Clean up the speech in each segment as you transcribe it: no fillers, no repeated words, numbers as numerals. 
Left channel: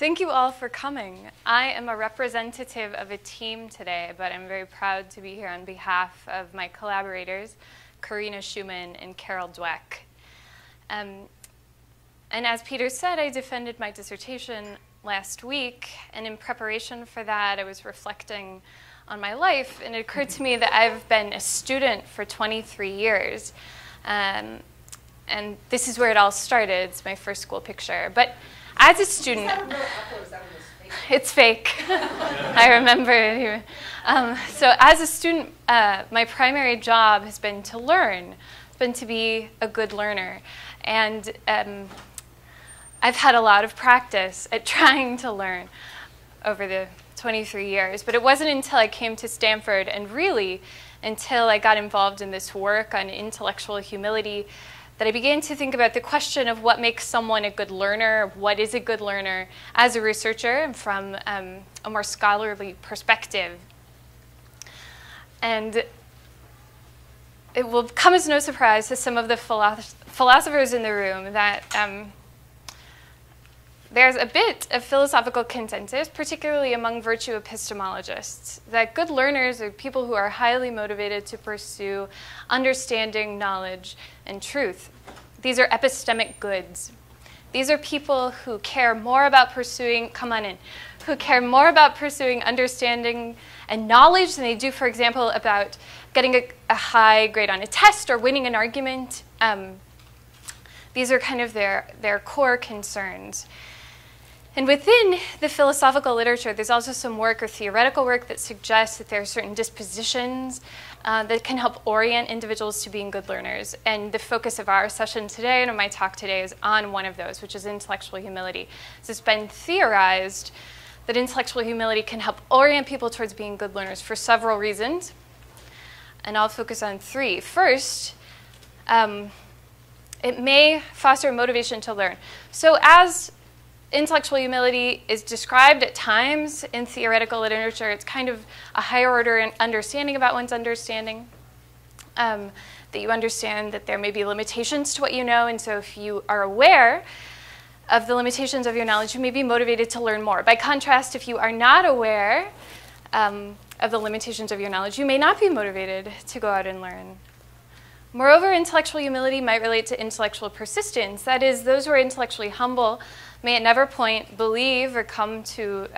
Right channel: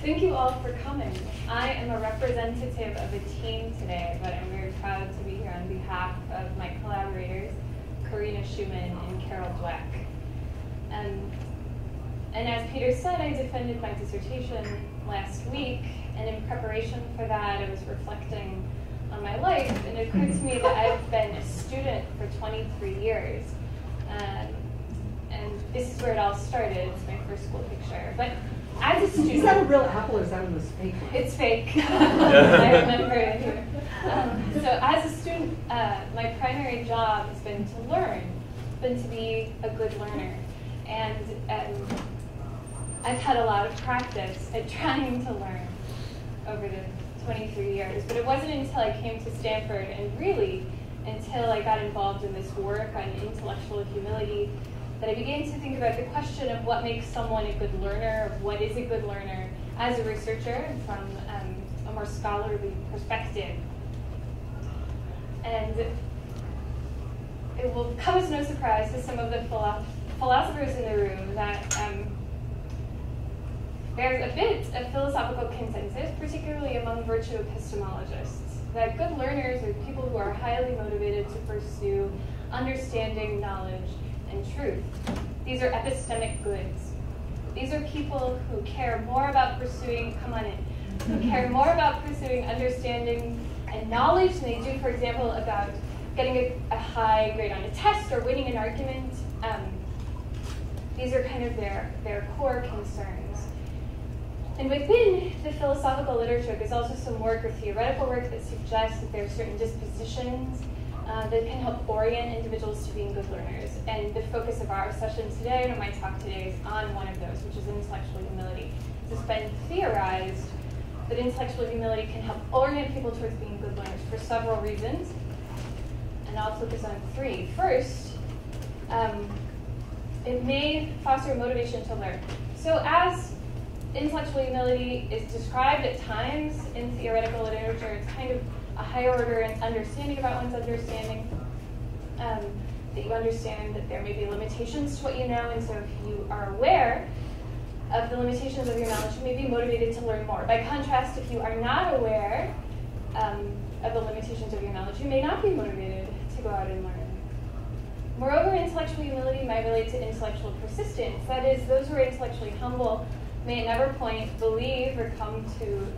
Thank you all for coming. I am a representative of a team today, but I'm very proud to be here on behalf of my collaborators, Karina Schumann and Carol Dweck. And as Peter said, I defended my dissertation last week, and in preparation for that, I was reflecting on my life, and it occurred to me that I've been a student for 23 years. And this is where it all started. It's my first school picture. But as a student, is that a real apple or is that one fake? It's fake. I remember. So as a student, my primary job has been to learn. It's been to be a good learner. And I've had a lot of practice at trying to learn over the 23 years. But it wasn't until I came to Stanford and really until I got involved in this work on intellectual humility that I began to think about the question of what makes someone a good learner, what is a good learner, as a researcher and from a more scholarly perspective. And it will come as no surprise to some of the philosophers in the room that there's a bit of philosophical consensus, particularly among virtue epistemologists, that good learners are people who are highly motivated to pursue understanding, knowledge, and truth. These are epistemic goods. These are people who care more about pursuing, who care more about pursuing understanding and knowledge than they do, for example, about getting a high grade on a test or winning an argument. These are kind of their core concerns. And within the philosophical literature, there's also some work or theoretical work that suggests that there are certain dispositions that can help orient individuals to being good learners. And the focus of our session today and of my talk today is on one of those, which is intellectual humility. So it's been theorized that intellectual humility can help orient people towards being good learners for several reasons. And I'll focus on three. First, it may foster motivation to learn. So as intellectual humility is described at times in theoretical literature, it's kind of a higher order understanding about one's understanding, that you understand that there may be limitations to what you know, and so if you are aware of the limitations of your knowledge, you may be motivated to learn more. By contrast, if you are not aware of the limitations of your knowledge, you may not be motivated to go out and learn. Moreover, intellectual humility might relate to intellectual persistence. That is, those who are intellectually humble may at never point believe or come to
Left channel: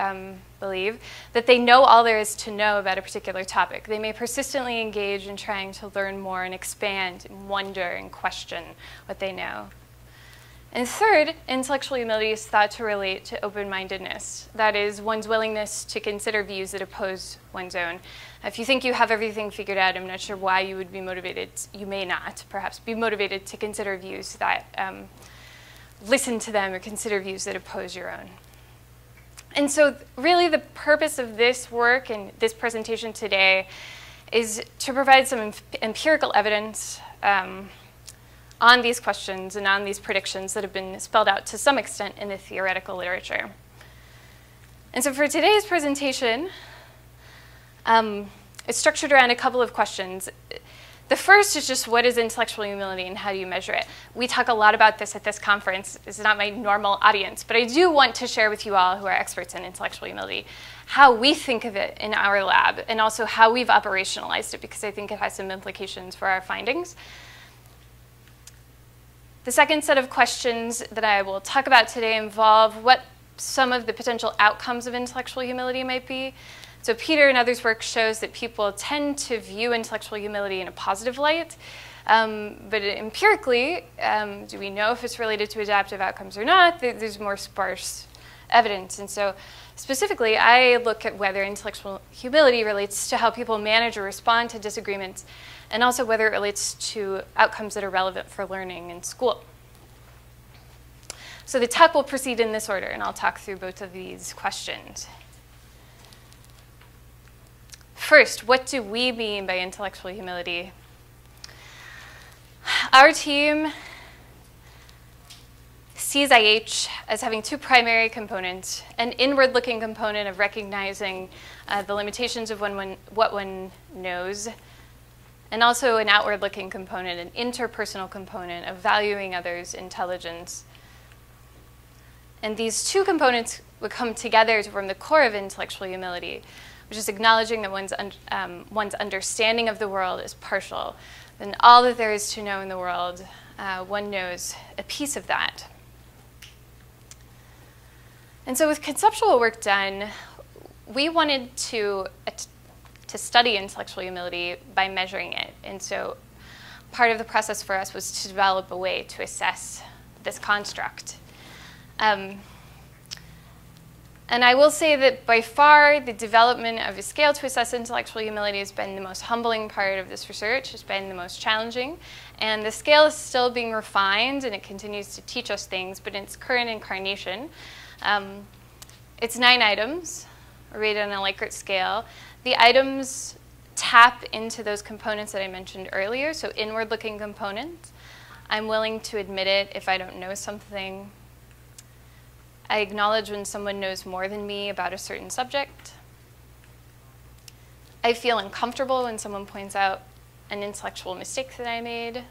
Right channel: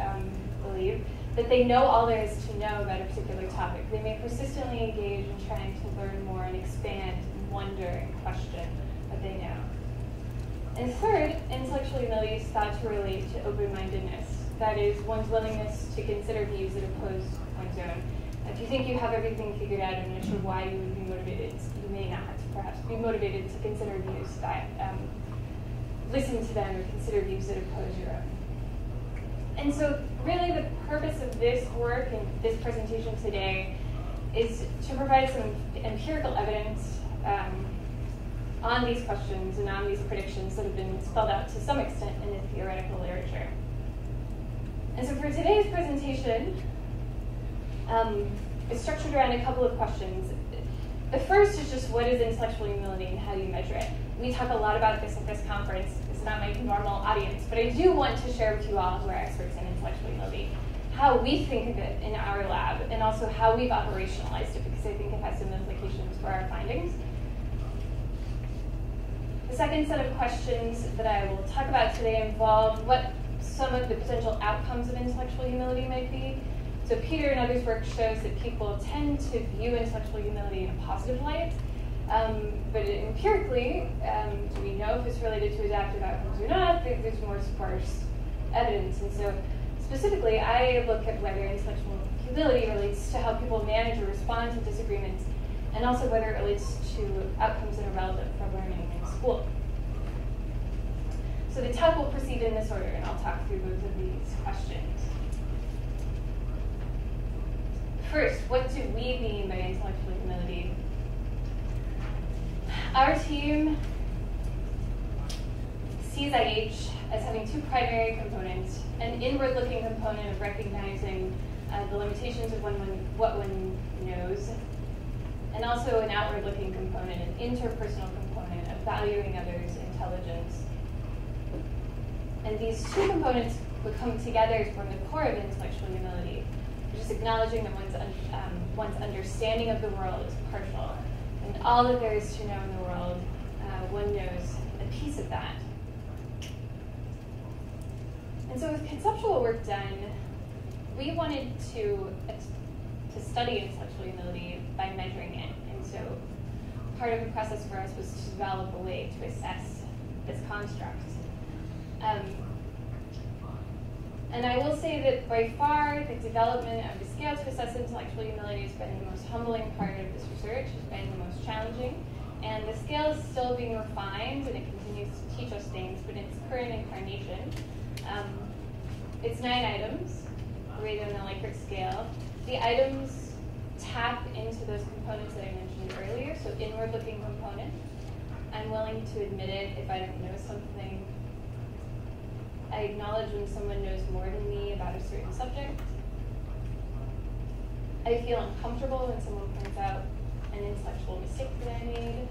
believe that they know all there is to know about a particular topic. They may persistently engage in trying to learn more and expand and wonder and question what they know. And third, intellectual humility is thought to relate to open-mindedness. That is, one's willingness to consider views that oppose one's own. If you think you have everything figured out, I'm not sure why you would be motivated. You may not, perhaps, be motivated to consider views that listen to them or consider views that oppose your own. And so really the purpose of this work and this presentation today is to provide some empirical evidence on these questions and on these predictions that have been spelled out to some extent in the theoretical literature. And so for today's presentation, it's structured around a couple of questions. The first is just, what is intellectual humility and how do you measure it? We talk a lot about this at this conference. This is not my normal audience, but I do want to share with you all who are experts in intellectual humility how we think of it in our lab and also how we've operationalized it, because I think it has some implications for our findings. The second set of questions that I will talk about today involve what some of the potential outcomes of intellectual humility might be. So Peter and others' work shows that people tend to view intellectual humility in a positive light. But empirically, do we know if it's related to adaptive outcomes or not? There's more sparse evidence. And so specifically, I look at whether intellectual humility relates to how people manage or respond to disagreements, and also whether it relates to outcomes that are relevant for learning in school. So the talk will proceed in this order, and I'll talk through both of these questions. First, what do we mean by intellectual humility? Our team sees IH as having two primary components: an inward-looking component of recognizing the limitations of what one knows, and also an outward-looking component, an interpersonal component of valuing others' intelligence. And these two components would come together to form the core of intellectual humility, which is acknowledging that one's understanding of the world is partial. And all that there is to know in the world, one knows a piece of that. And so with conceptual work done, we wanted to study intellectual humility by measuring it. And so part of the process for us was to develop a way to assess this construct. And I will say that by far, the development of a scale to assess intellectual humility has been the most humbling part of this research. It's been the most challenging. And the scale is still being refined, and it continues to teach us things. But in its current incarnation, it's 9 items, rated on a Likert scale. The items tap into those components that I mentioned earlier, so inward-looking components. I'm willing to admit it if I don't know something. I acknowledge when someone knows more than me about a certain subject. I feel uncomfortable when someone points out an intellectual mistake that I made.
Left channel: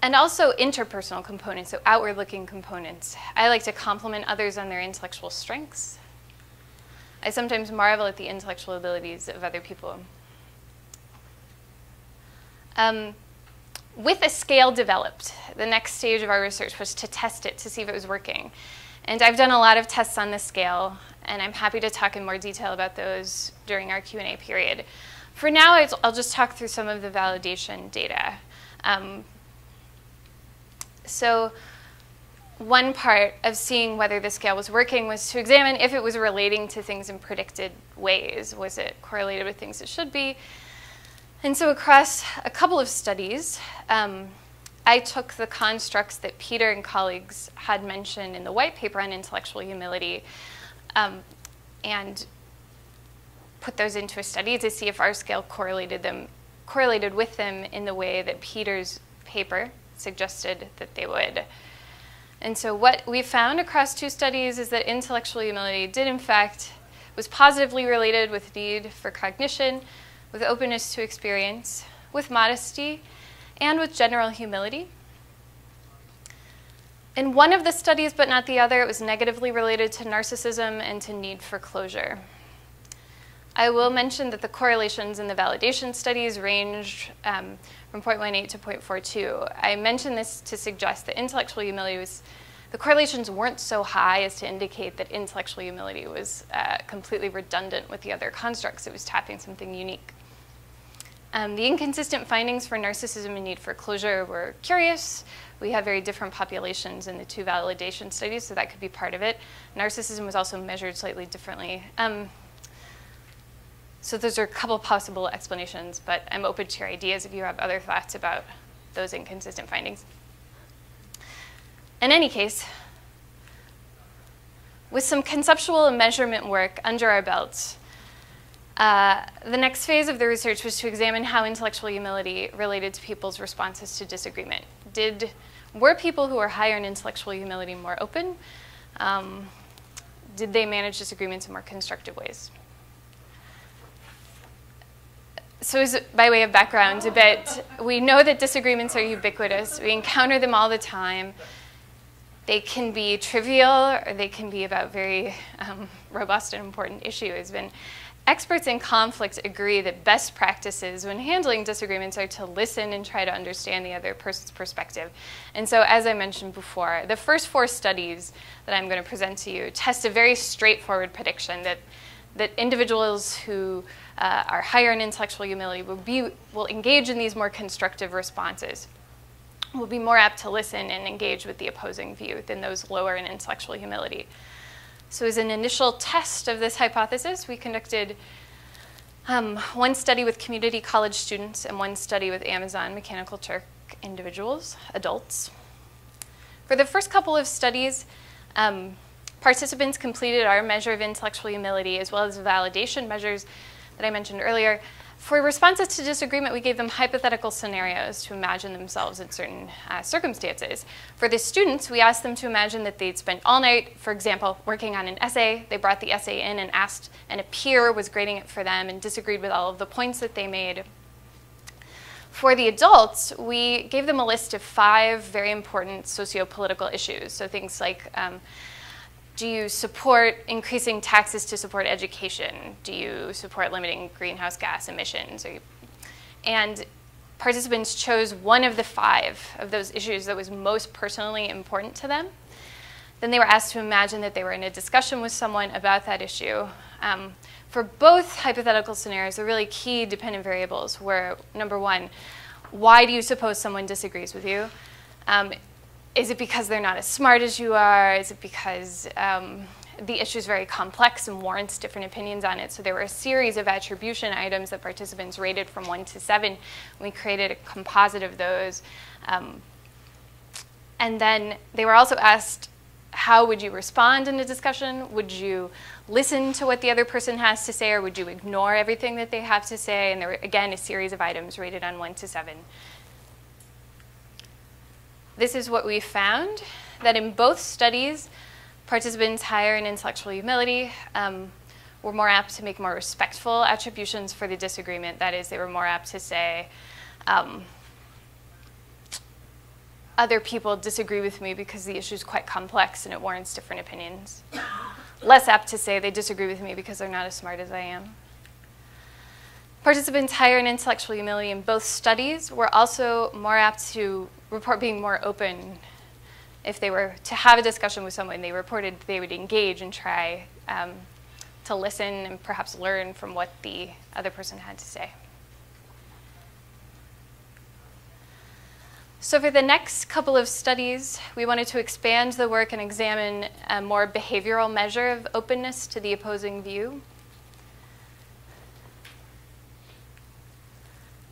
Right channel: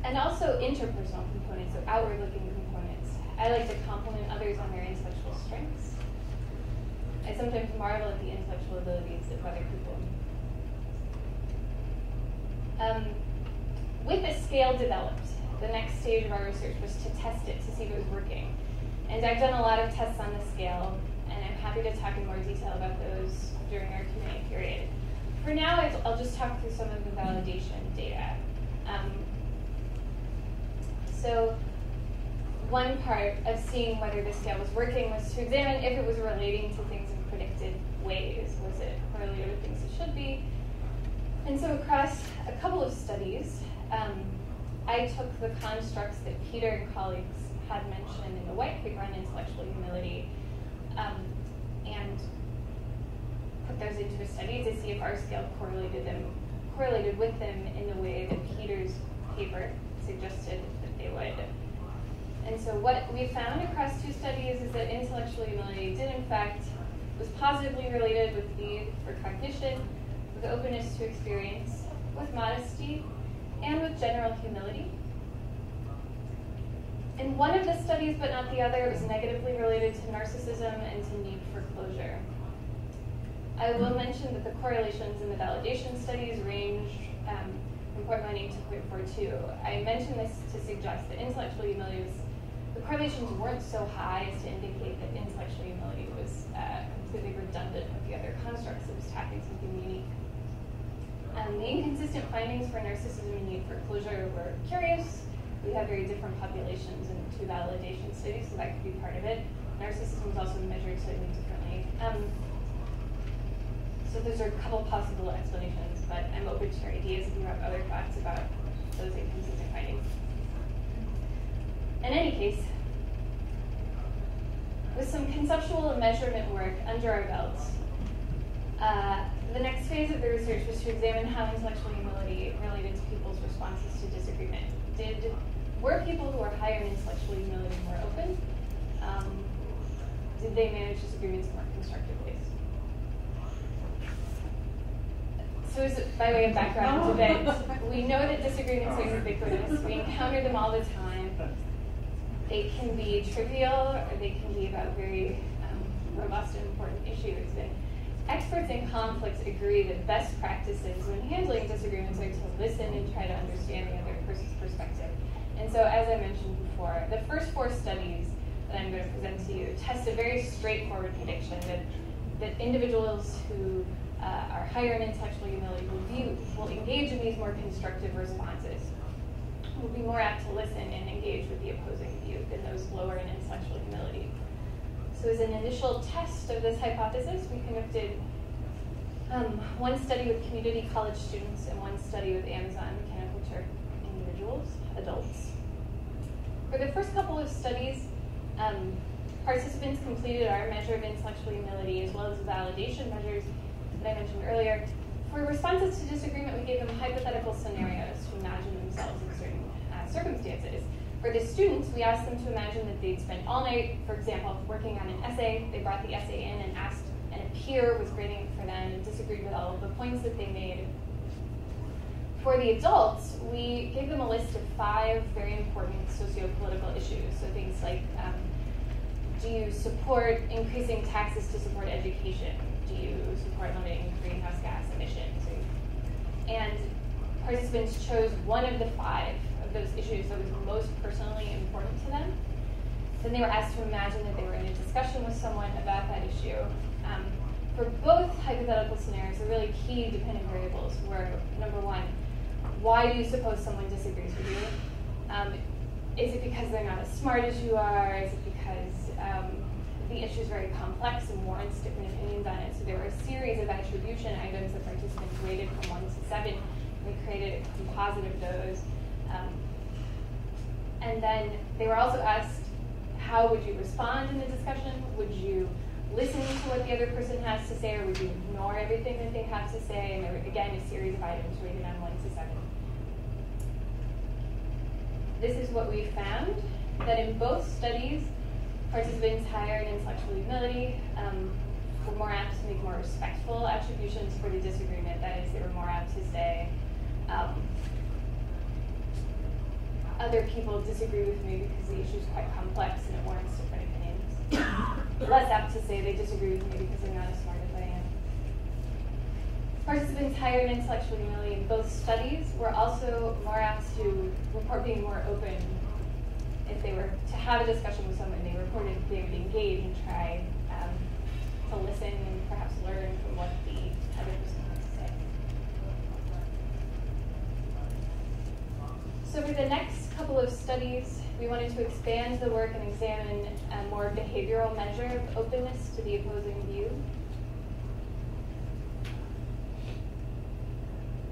And also interpersonal components, so outward-looking components. I like to compliment others on their intellectual strengths. I sometimes marvel at the intellectual abilities of other people. With a scale developed, the next stage of our research was to test it to see if it was working. And I've done a lot of tests on this scale, and I'm happy to talk in more detail about those during our Q&A period. For now, I'll just talk through some of the validation data. So one part of seeing whether the scale was working was to examine if it was relating to things in predicted ways. Was it correlated with things it should be? And so across a couple of studies, I took the constructs that Peter and colleagues had mentioned in the white paper on intellectual humility and put those into a study to see if our scale correlated with them in the way that Peter's paper suggested that they would. And so what we found across 2 studies is that intellectual humility did, in fact, was positively related with need for cognition, with openness to experience, with modesty, and with general humility. In one of the studies, but not the other, it was negatively related to narcissism and to need for closure. I will mention that the correlations in the validation studies ranged from 0.18 to 0.42. I mention this to suggest that intellectual humility the correlations weren't so high as to indicate that intellectual humility was completely redundant with the other constructs. It was tapping something unique. The inconsistent findings for narcissism and need for closure were curious. We had very different populations in the 2 validation studies, so that could be part of it. Narcissism was also measured slightly differently. So those are a couple possible explanations, but I'm open to your ideas if you have other thoughts about those inconsistent findings. In any case, with some conceptual and measurement work under our belts, the next phase of the research was to examine how intellectual humility related to people's responses to disagreement. Were people who were higher in intellectual humility more open? Did they manage disagreements in more constructive ways? So by way of background a bit, we know that disagreements are ubiquitous. We encounter them all the time. They can be trivial, or they can be about very robust and important issues. And experts in conflict agree that best practices when handling disagreements are to listen and try to understand the other person's perspective. And so, as I mentioned before, the first 4 studies that I'm going to present to you test a very straightforward prediction that individuals who are higher in intellectual humility will engage in these more constructive responses, will be more apt to listen and engage with the opposing view than those lower in intellectual humility. So as an initial test of this hypothesis, we conducted 1 study with community college students and 1 study with Amazon Mechanical Turk individuals, adults. For the first couple of studies, participants completed our measure of intellectual humility as well as the validation measures that I mentioned earlier. For responses to disagreement, we gave them hypothetical scenarios to imagine themselves in certain circumstances. For the students, we asked them to imagine that they'd spent all night, for example, working on an essay. They brought the essay in and asked, and a peer was grading it for them and disagreed with all of the points that they made. For the adults, we gave them a list of 5 very important socio-political issues. So things like, Do you support increasing taxes to support education? Do you support limiting greenhouse gas emissions? And participants chose one of the 5 of those issues that was most personally important to them. Then they were asked to imagine that they were in a discussion with someone about that issue. For both hypothetical scenarios, the really key dependent variables were, number 1, why do you suppose someone disagrees with you? Is it because they're not as smart as you are? Is it because the issue is very complex and warrants different opinions on it? So there were a series of attribution items that participants rated from 1 to 7. We created a composite of those. And then they were also asked, how would you respond in a discussion? Would you listen to what the other person has to say, or would you ignore everything that they have to say? And there were, again, a series of items rated on 1 to 7. This is what we found, that in both studies, participants higher in intellectual humility were more apt to make more respectful attributions for the disagreement. That is, they were more apt to say, other people disagree with me because the issue is quite complex and it warrants different opinions. Less apt to say they disagree with me because they're not as smart as I am. Participants higher in intellectual humility in both studies were also more apt to report being more open. If they were to have a discussion with someone, they reported they would engage and try to listen and perhaps learn from what the other person had to say. So for the next couple of studies, we wanted to expand the work and examine a more behavioral measure of openness to the opposing view.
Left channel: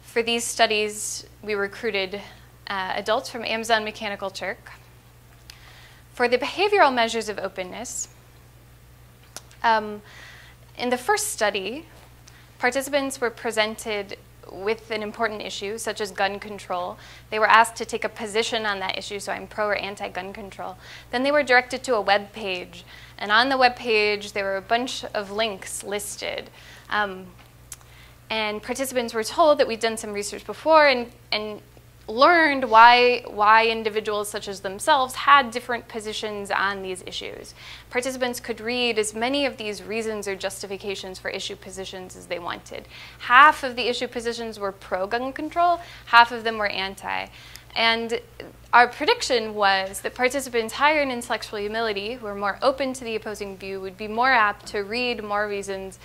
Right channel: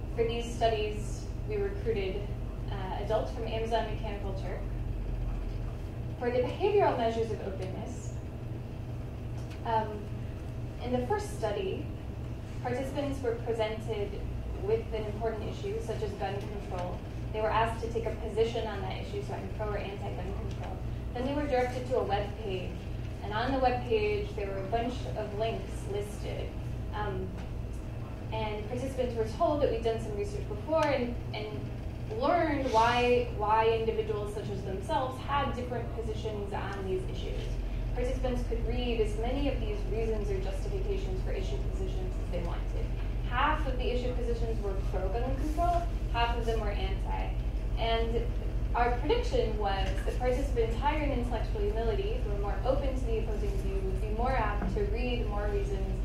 For these studies, we recruited adults from Amazon Mechanical Turk. For the behavioral measures of openness, in the first study, participants were presented with an important issue, such as gun control. They were asked to take a position on that issue, so I'm pro or anti-gun control. Then they were directed to a web page, and on the web page, there were a bunch of links listed. And participants were told that we'd done some research before and learned why individuals such as themselves had different positions on these issues. Participants could read as many of these reasons or justifications for issue positions as they wanted. Half of the issue positions were pro-gun control, half of them were anti. And our prediction was that participants higher in intellectual humility, who were more open to the opposing view, would be more apt to read more reasons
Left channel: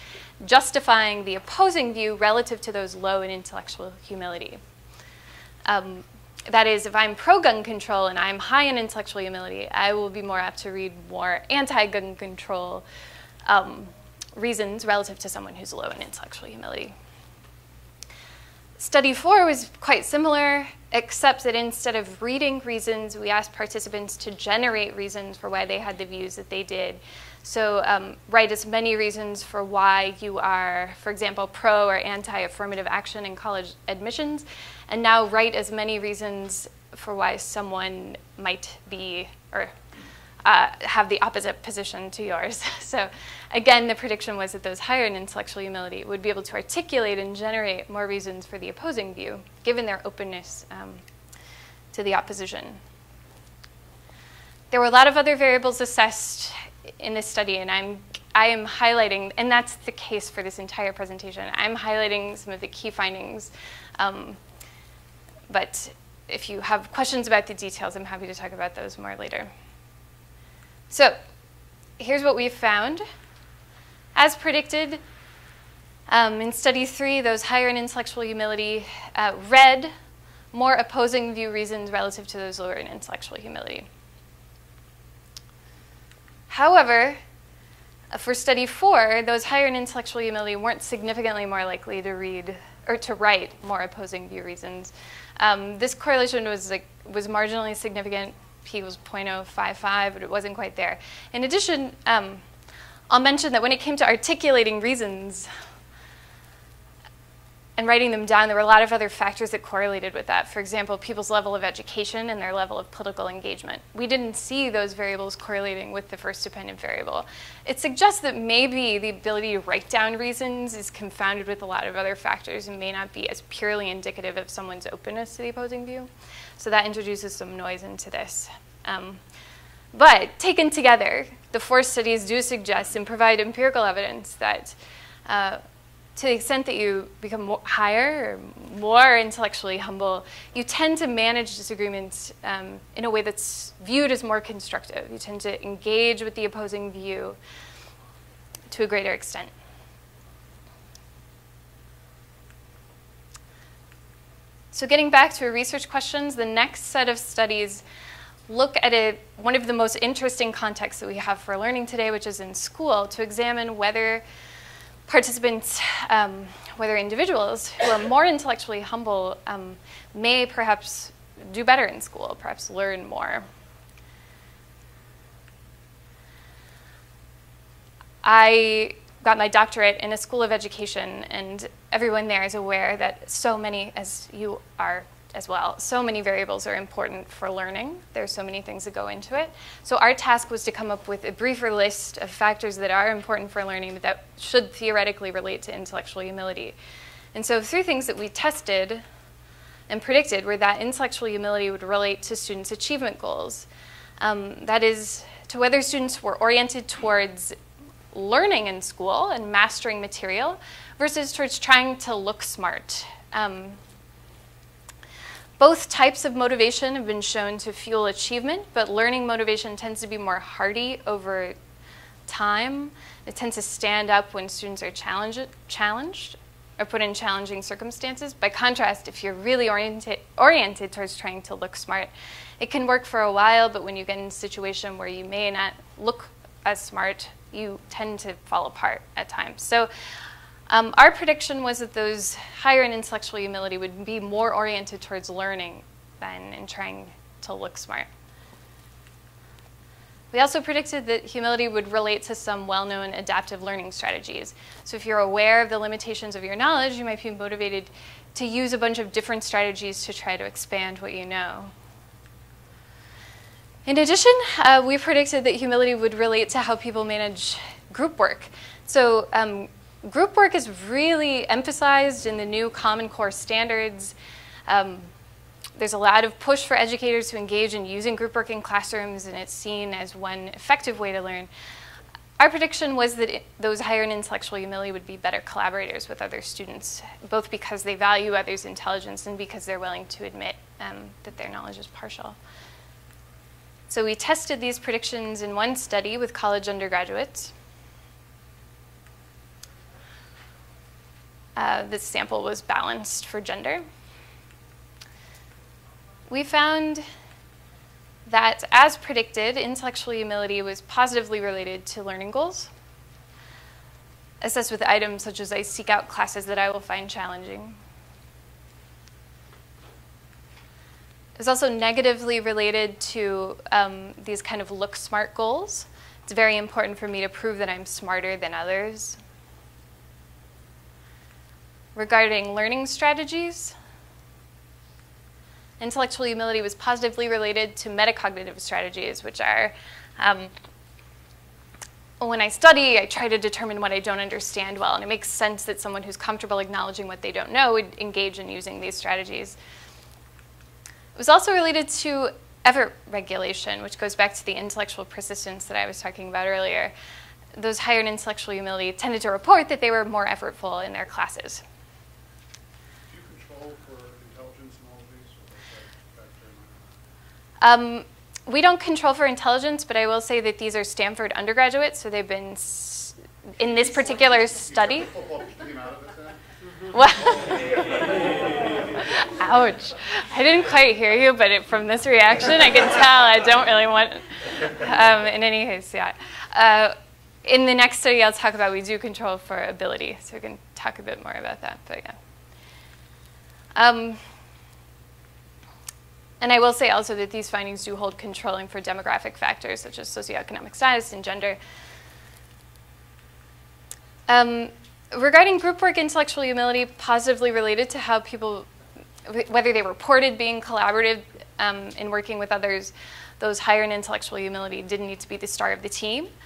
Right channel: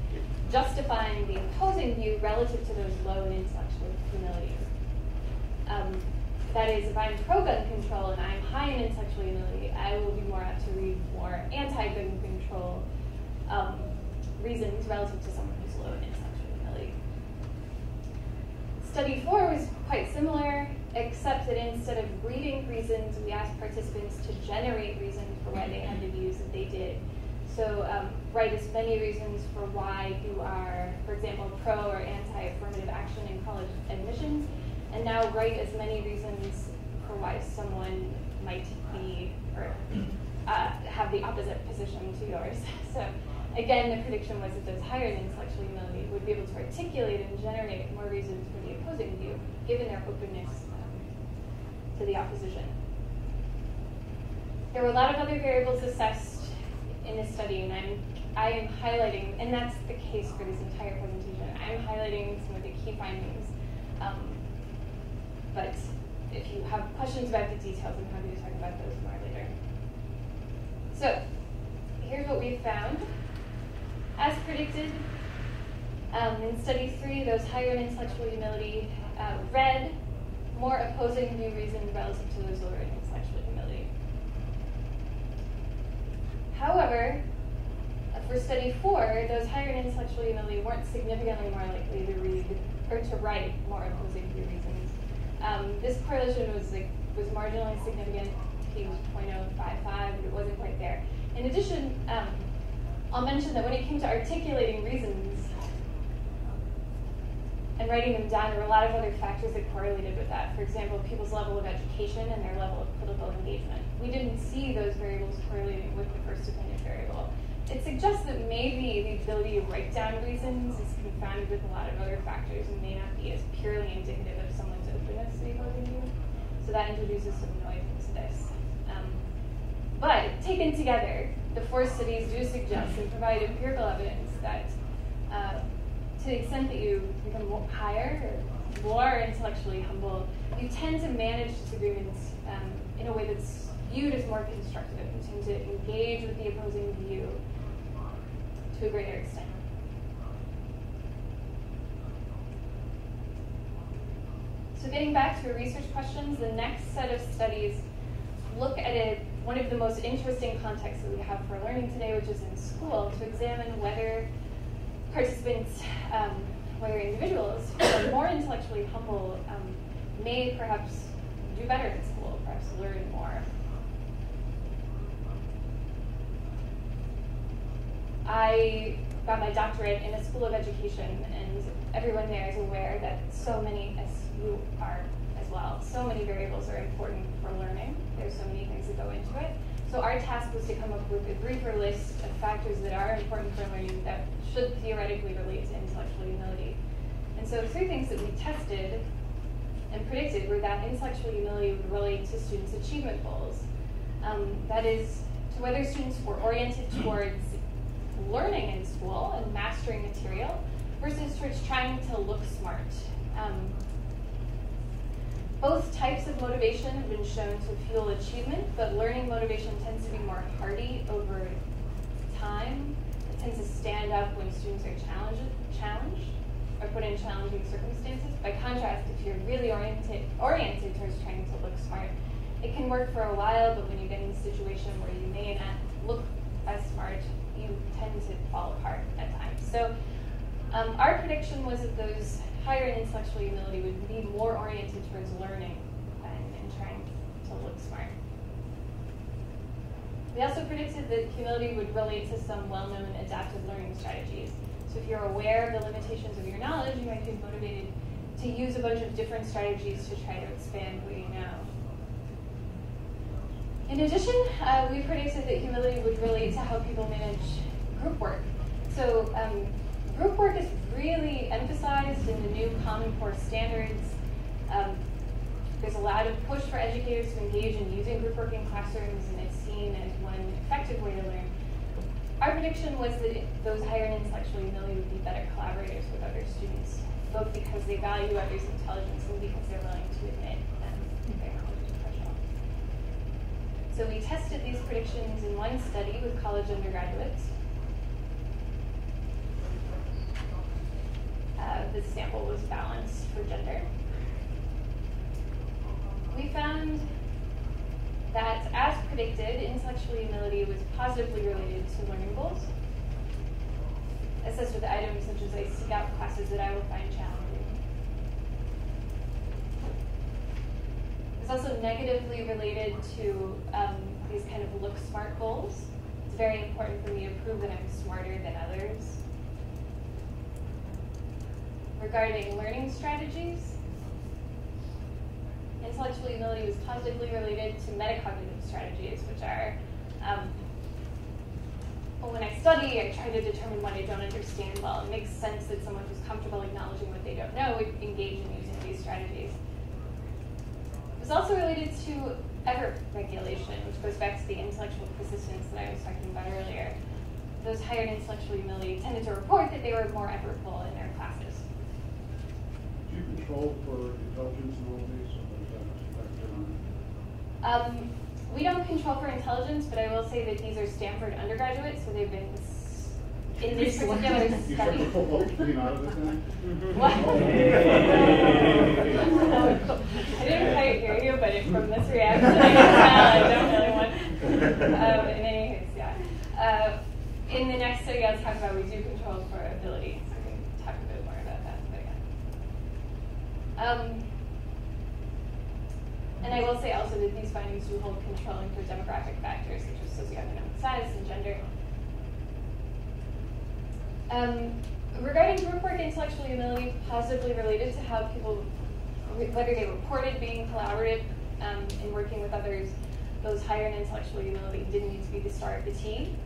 justifying the opposing view relative to those low in intellectual humility. That is, if I'm pro-gun control and I'm high in intellectual humility, I will be more apt to read more anti-gun control reasons relative to someone who's low in intellectual humility. Study 4 was quite similar, except that instead of reading reasons, we asked participants to generate reasons for why they had the views that they did. So write as many reasons for why you are, for example, pro or anti-affirmative action in college admissions, and now write as many reasons for why someone might be or have the opposite position to yours. So again, the prediction was that those higher in intellectual humility would be able to articulate and generate more reasons for the opposing view, given their openness to the opposition. There were a lot of other variables assessed in this study, and I am highlighting, and that's the case for this entire presentation. I'm highlighting some of the key findings, but if you have questions about the details, I'm happy to talk about those more later. So here's what we've found. As predicted, in study 3, those higher in intellectual humility read more opposing view reasons relative to those lower in intellectual humility. However, for study 4, those higher in intellectual humility weren't significantly more likely to read or to write more opposing view reasons. This correlation was marginally significant. P was 0.055, but it wasn't quite there. In addition, I'll mention that when it came to articulating reasons and writing them down, there were a lot of other factors that correlated with that. For example, people's level of education and their level of political engagement. We didn't see those variables correlating with the first dependent variable. It suggests that maybe the ability to write down reasons is confounded with a lot of other factors and may not be as purely indicative of someone's openness to the opposing view. So that introduces some noise into this. But taken together, the 4 studies do suggest and provide empirical evidence that to the extent that you become higher or more intellectually humble, you tend to manage disagreements in a way that's viewed as more constructive. You tend to engage with the opposing view to a greater extent. So getting back to our research questions, the next set of studies look at one of the most interesting contexts that we have for learning today, which is in school, to examine whether participants, whether individuals who are more intellectually humble may perhaps do better in school, perhaps learn more. I got my doctorate in a school of education, and everyone there is aware that so many, as you are as well, so many variables are important for learning. There's so many things that go into it. So our task was to come up with a briefer list of factors that are important for learning, but that should theoretically relate to intellectual humility. And so 3 things that we tested and predicted were that intellectual humility would relate to students' achievement goals. That is, to whether students were oriented towards learning in school and mastering material versus towards trying to look smart. Both types of motivation have been shown to fuel achievement, but learning motivation tends to be more hardy over time. It tends to stand up when students are challenged or put in challenging circumstances. By contrast, if you're really oriented towards trying to look smart, it can work for a while, but when you get in a situation where you may not look as smart, you tend to fall apart at times. So our prediction was that those higher in intellectual humility would be more oriented towards learning than in trying to look smart. We also predicted that humility would relate to some well-known adaptive learning strategies. So if you're aware of the limitations of your knowledge, you might be motivated to use a bunch of different strategies to try to expand what you know. In addition, we predicted that humility would relate to how people manage group work. So group work is really emphasized in the new Common Core standards. There's a lot of push for educators to engage in using group work in classrooms, and it's seen as one effective way to learn. Our prediction was that those higher in intellectual humility would be better collaborators with other students, both because they value others' intelligence and because they're willing to admit that their knowledge is partial. So we tested these predictions in one study with college undergraduates. This sample was balanced for gender. We found that, as predicted, intellectual humility was positively related to learning goals, assessed with items such as I seek out classes that I will find challenging. It's also negatively related to these kind of look smart goals. It's very important for me to prove that I'm smarter than others. Regarding learning strategies, intellectual humility was positively related to metacognitive strategies, which are, when I study, I try to determine what I don't understand well, and it makes sense that someone who's comfortable acknowledging what they don't know would engage in using these strategies. It was also related to effort regulation, which goes back to the intellectual persistence that I was talking about earlier. Those higher in intellectual humility tended to report that they were more effortful in their classes. Do you control for intelligence in all these? We don't control for intelligence, but I will say that these are Stanford undergraduates, so they've been in this particular study. Ouch. I didn't quite hear you, but from this reaction, I can tell I don't really want, in any case, yeah. In the next study I'll talk about, we do control for ability, so we can talk a bit more about that. But yeah. And I will say also that these findings do hold controlling for demographic factors such as socioeconomic status and gender. Regarding group work, intellectual humility positively related to how people, whether they reported being collaborative in working with others, those higher in intellectual humility didn't need to be the star of the team.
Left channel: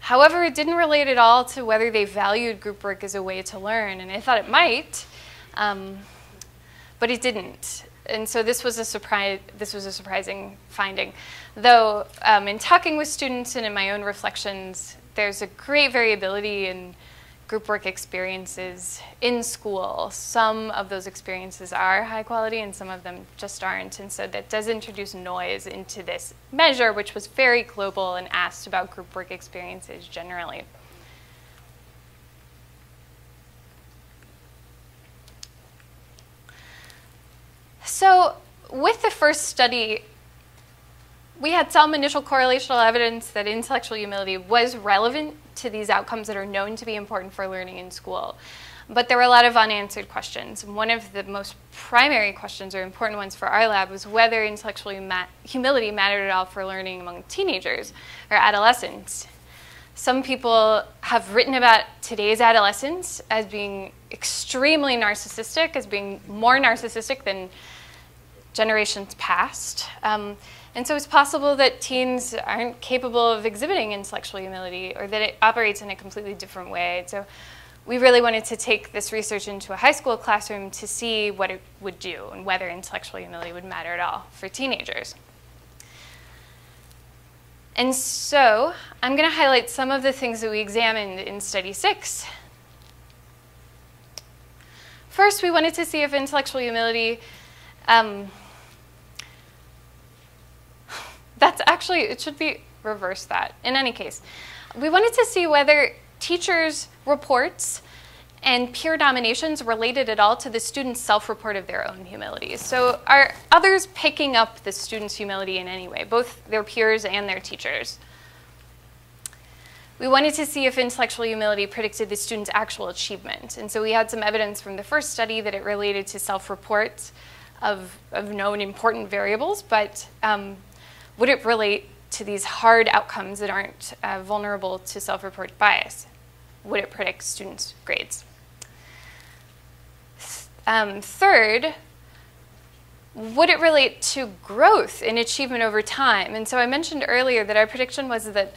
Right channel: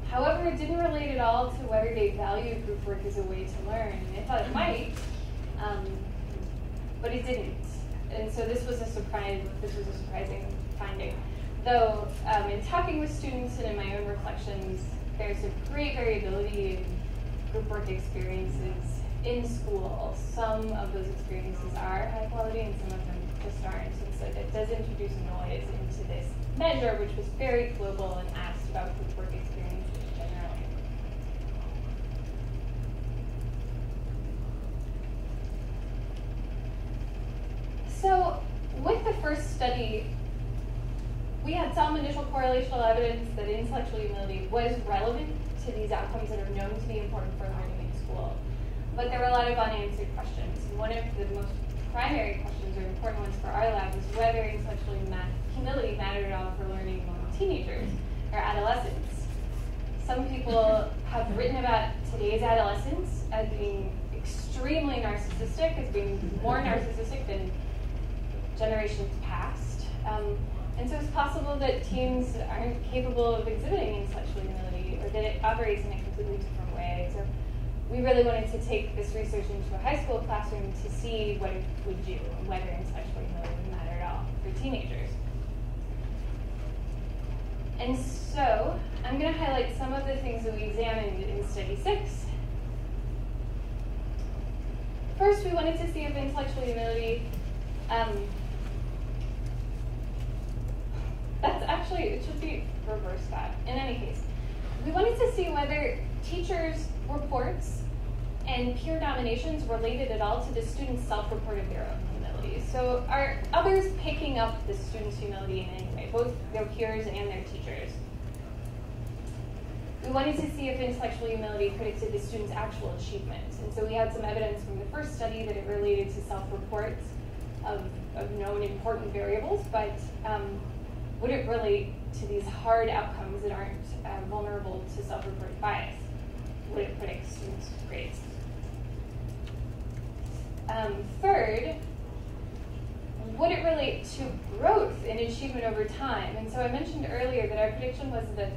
However, it didn't relate at all to whether they valued group work as a way to learn, and I thought it might, but it didn't. And so this was a surprising finding. Though in talking with students and in my own reflections, there's a great variability in group work experiences in school. Some of those experiences are high quality and some of them just aren't. And so that does introduce noise into this measure, which was very global and asked about group work experiences generally. So with the first study, we had some initial correlational evidence that intellectual humility was relevant to these outcomes that are known to be important for learning in school. But there were a lot of unanswered questions. One of the most primary questions, or important ones for our lab, was whether intellectual humility mattered at all for learning among teenagers or adolescents. Some people have written about today's adolescents as being extremely narcissistic, as being more narcissistic than generations past. And so it's possible that teens aren't capable of exhibiting intellectual humility, or that it operates in a completely different way. So we really wanted to take this research into a high school classroom to see what it would do and whether intellectual humility would matter at all for teenagers. And so I'm going to highlight some of the things that we examined in study 6. First, we wanted to see if intellectual humility that's actually, it should be reverse that. In any case, we wanted to see whether teachers' reports and peer nominations related at all to the students' self-report of their own humility. So are others picking up the students' humility in any way, both their peers and their teachers? We wanted to see if intellectual humility predicted the students' actual achievement. And so we had some evidence from the first study that it related to self-reports of known important variables, but would it relate to these hard outcomes that aren't vulnerable to self-report bias? Would it predict students' grades? Third, would it relate to growth in achievement over time? And so I mentioned earlier that our prediction was that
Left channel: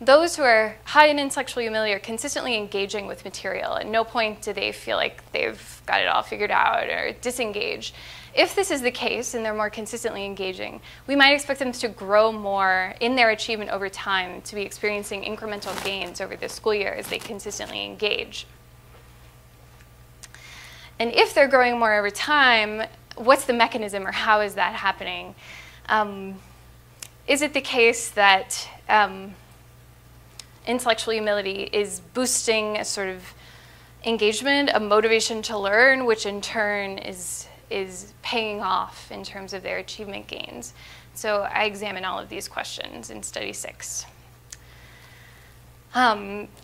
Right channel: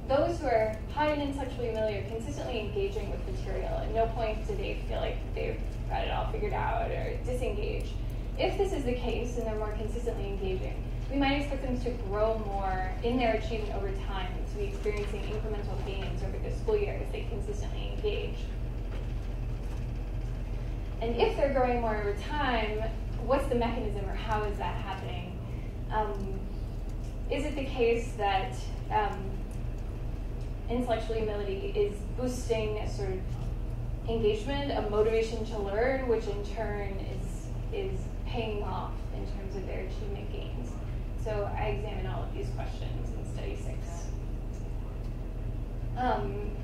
those who are high in intellectual humility are consistently engaging with material. At no point do they feel like they've got it all figured out or disengage. If this is the case and they're more consistently engaging, we might expect them to grow more in their achievement over time, to be experiencing incremental gains over the school year as they consistently engage. And if they're growing more over time, what's the mechanism, or how is that happening? Is it the case that intellectual humility is boosting a sort of engagement, a motivation to learn, which in turn is paying off in terms of their achievement gains? So I examine all of these questions in study 6.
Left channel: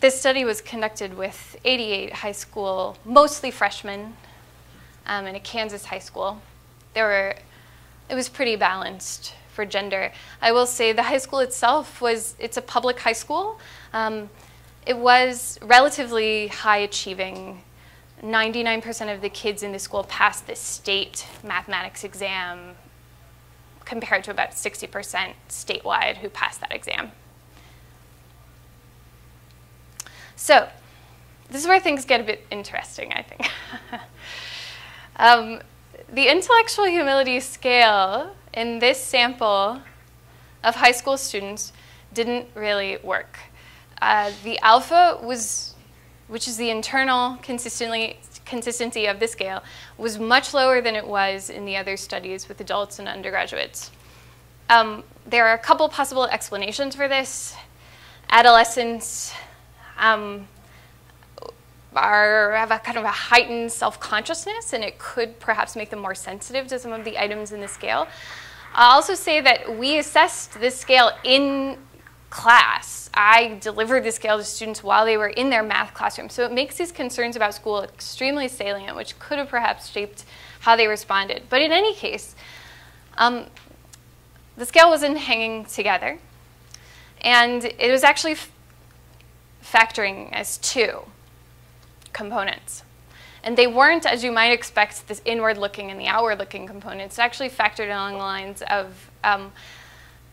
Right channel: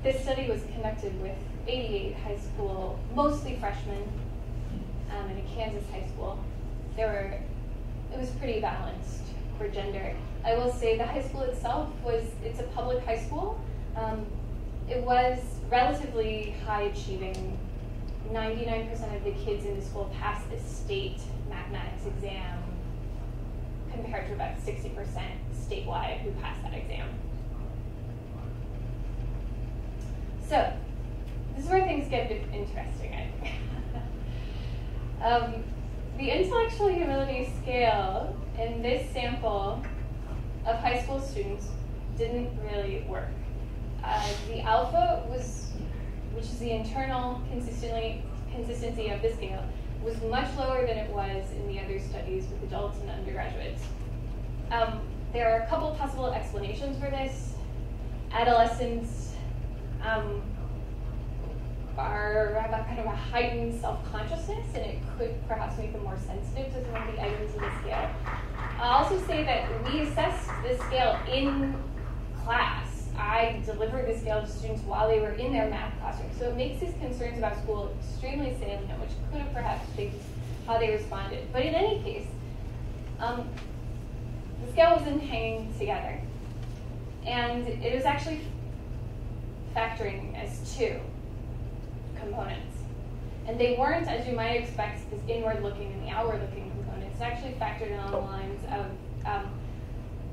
This study was conducted with 88 high school, mostly freshmen, in a Kansas high school. It was pretty balanced for gender. I will say the high school itself it's a public high school. It was relatively high achieving. 99% of the kids in the school passed the state mathematics exam, compared to about 60% statewide who passed that exam. So this is where things get a bit interesting, I think. The intellectual humility scale in this sample of high school students didn't really work. The alpha which is the internal consistency of the scale, was much lower than it was in the other studies with adults and undergraduates. There are a couple possible explanations for this. Adolescents have a kind of a heightened self-consciousness, and it could perhaps make them more sensitive to some of the items in the scale. I'll also say that we assessed this scale in class. I delivered the scale to students while they were in their math classroom. So it makes these concerns about school extremely salient, which could have perhaps shaped how they responded. But in any case, the scale wasn't hanging together. And it was actually factoring as two components. And they weren't, as you might expect, this inward-looking and the outward-looking components. It actually factored along the lines of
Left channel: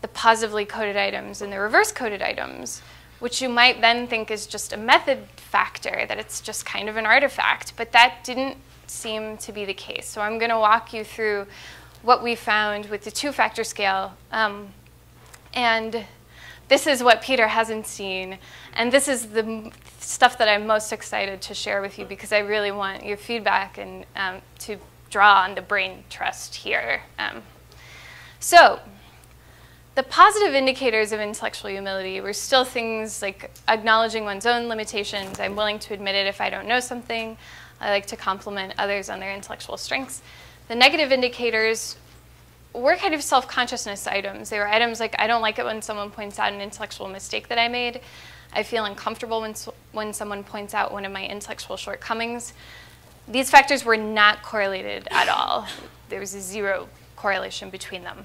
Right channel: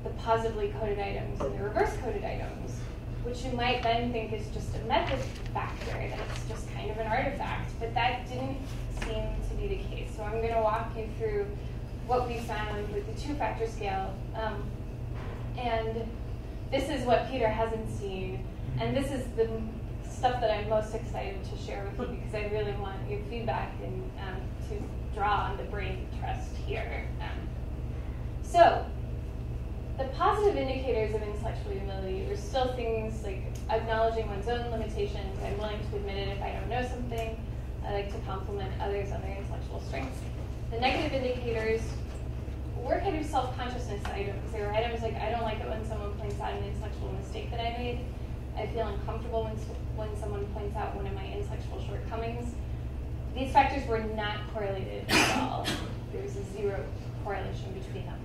the positively coded items and the reverse coded items, which you might then think is just a method factor, that it's just kind of an artifact, but that didn't seem to be the case. So I'm going to walk you through what we found with the two-factor scale. And this is what Peter hasn't seen. And this is the stuff that I'm most excited to share with you because I really want your feedback and to draw on the brain trust here. So the positive indicators of intellectual humility were still things like acknowledging one's own limitations. I'm willing to admit it if I don't know something. I like to compliment others on their intellectual strengths. The negative indicators were kind of self-consciousness items. They were items like, I don't like it when someone points out an intellectual mistake that I made. I feel uncomfortable when someone points out one of my intellectual shortcomings. These factors were not correlated at all. There was a zero correlation between them.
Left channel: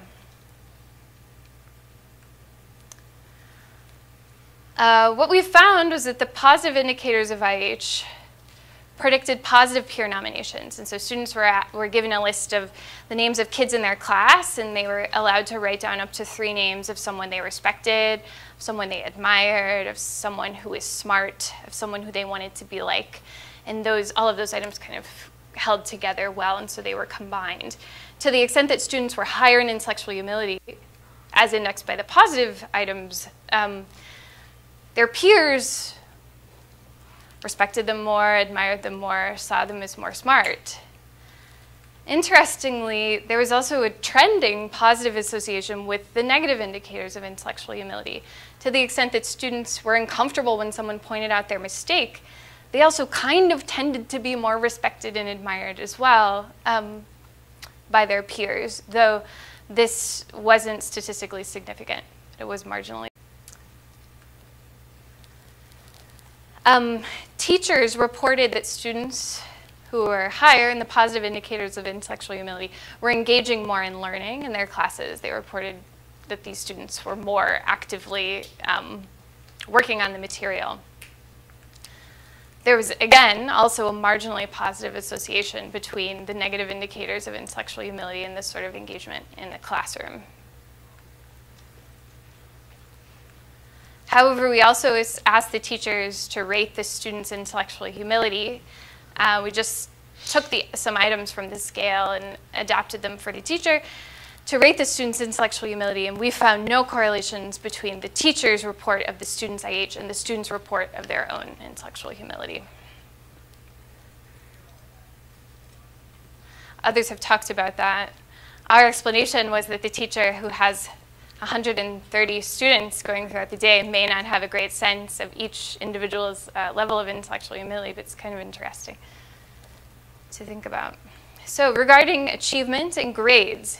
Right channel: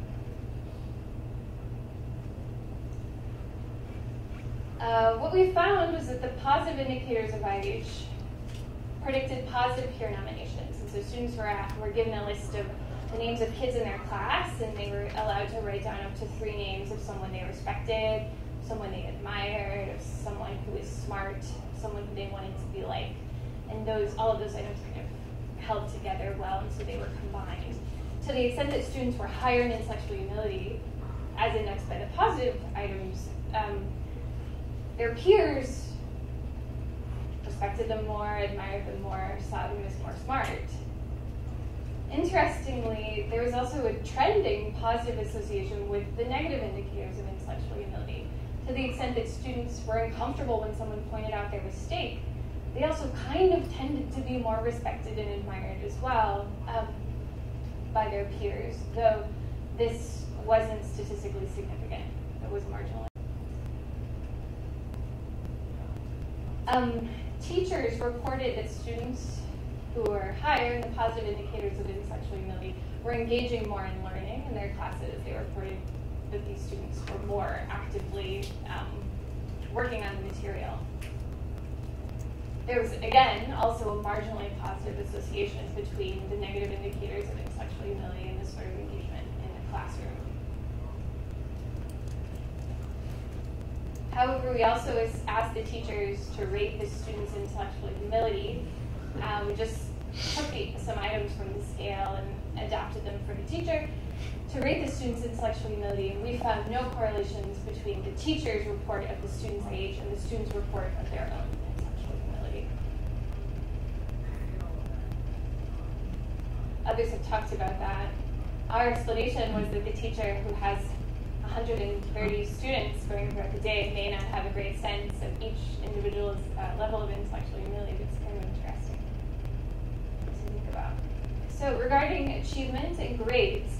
What we found was that the positive indicators of IH predicted positive peer nominations. And so students were given a list of the names of kids in their class, and they were allowed to write down up to 3 names of someone they respected, of someone they admired, of someone who was smart, of someone who they wanted to be like. And all of those items kind of held together well, and so they were combined. To the extent that students were higher in intellectual humility, as indexed by the positive items, their peers respected them more, admired them more, saw them as more smart. Interestingly, there was also a trending positive association with the negative indicators of intellectual humility. To the extent that students were uncomfortable when someone pointed out their mistake, they also kind of tended to be more respected and admired as well by their peers, though this wasn't statistically significant. It was marginally. Teachers reported that students who were higher in the positive indicators of intellectual humility were engaging more in learning in their classes. They reported that these students were more actively working on the material. There was, again, also a marginally positive association between the negative indicators of intellectual humility and this sort of engagement in the classroom. However, we also asked the teachers to rate the students' intellectual humility. We just took some items from the scale and adapted them for the teacher to rate the students' intellectual humility, and we found no correlations between the teacher's report of the student's IH and the student's report of their own intellectual humility. Others have talked about that. Our explanation was that the teacher who has 130 students going throughout the day may not have a great sense of each individual's level of intellectual humility, but it's kind of interesting to think about. So regarding achievement and grades,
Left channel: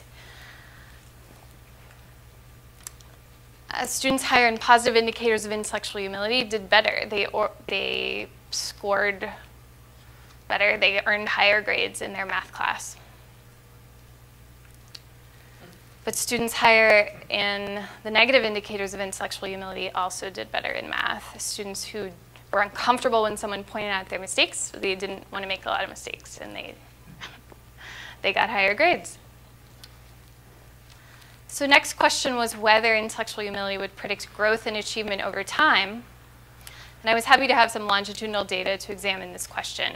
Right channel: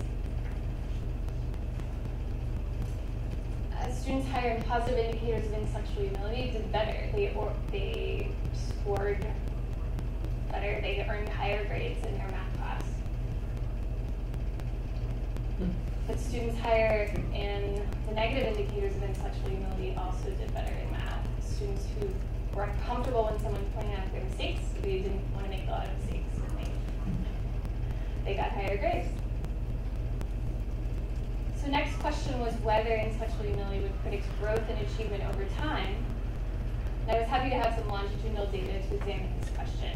students higher in positive indicators of intellectual humility did better. They scored better. They earned higher grades in their math class. But students higher in the negative indicators of intellectual humility also did better in math. Students who were uncomfortable when someone pointed out their mistakes, they didn't want to make a lot of mistakes, and they got higher grades. So next question was whether intellectual humility would predict growth and achievement over time. And I was happy to have some longitudinal data to examine this question.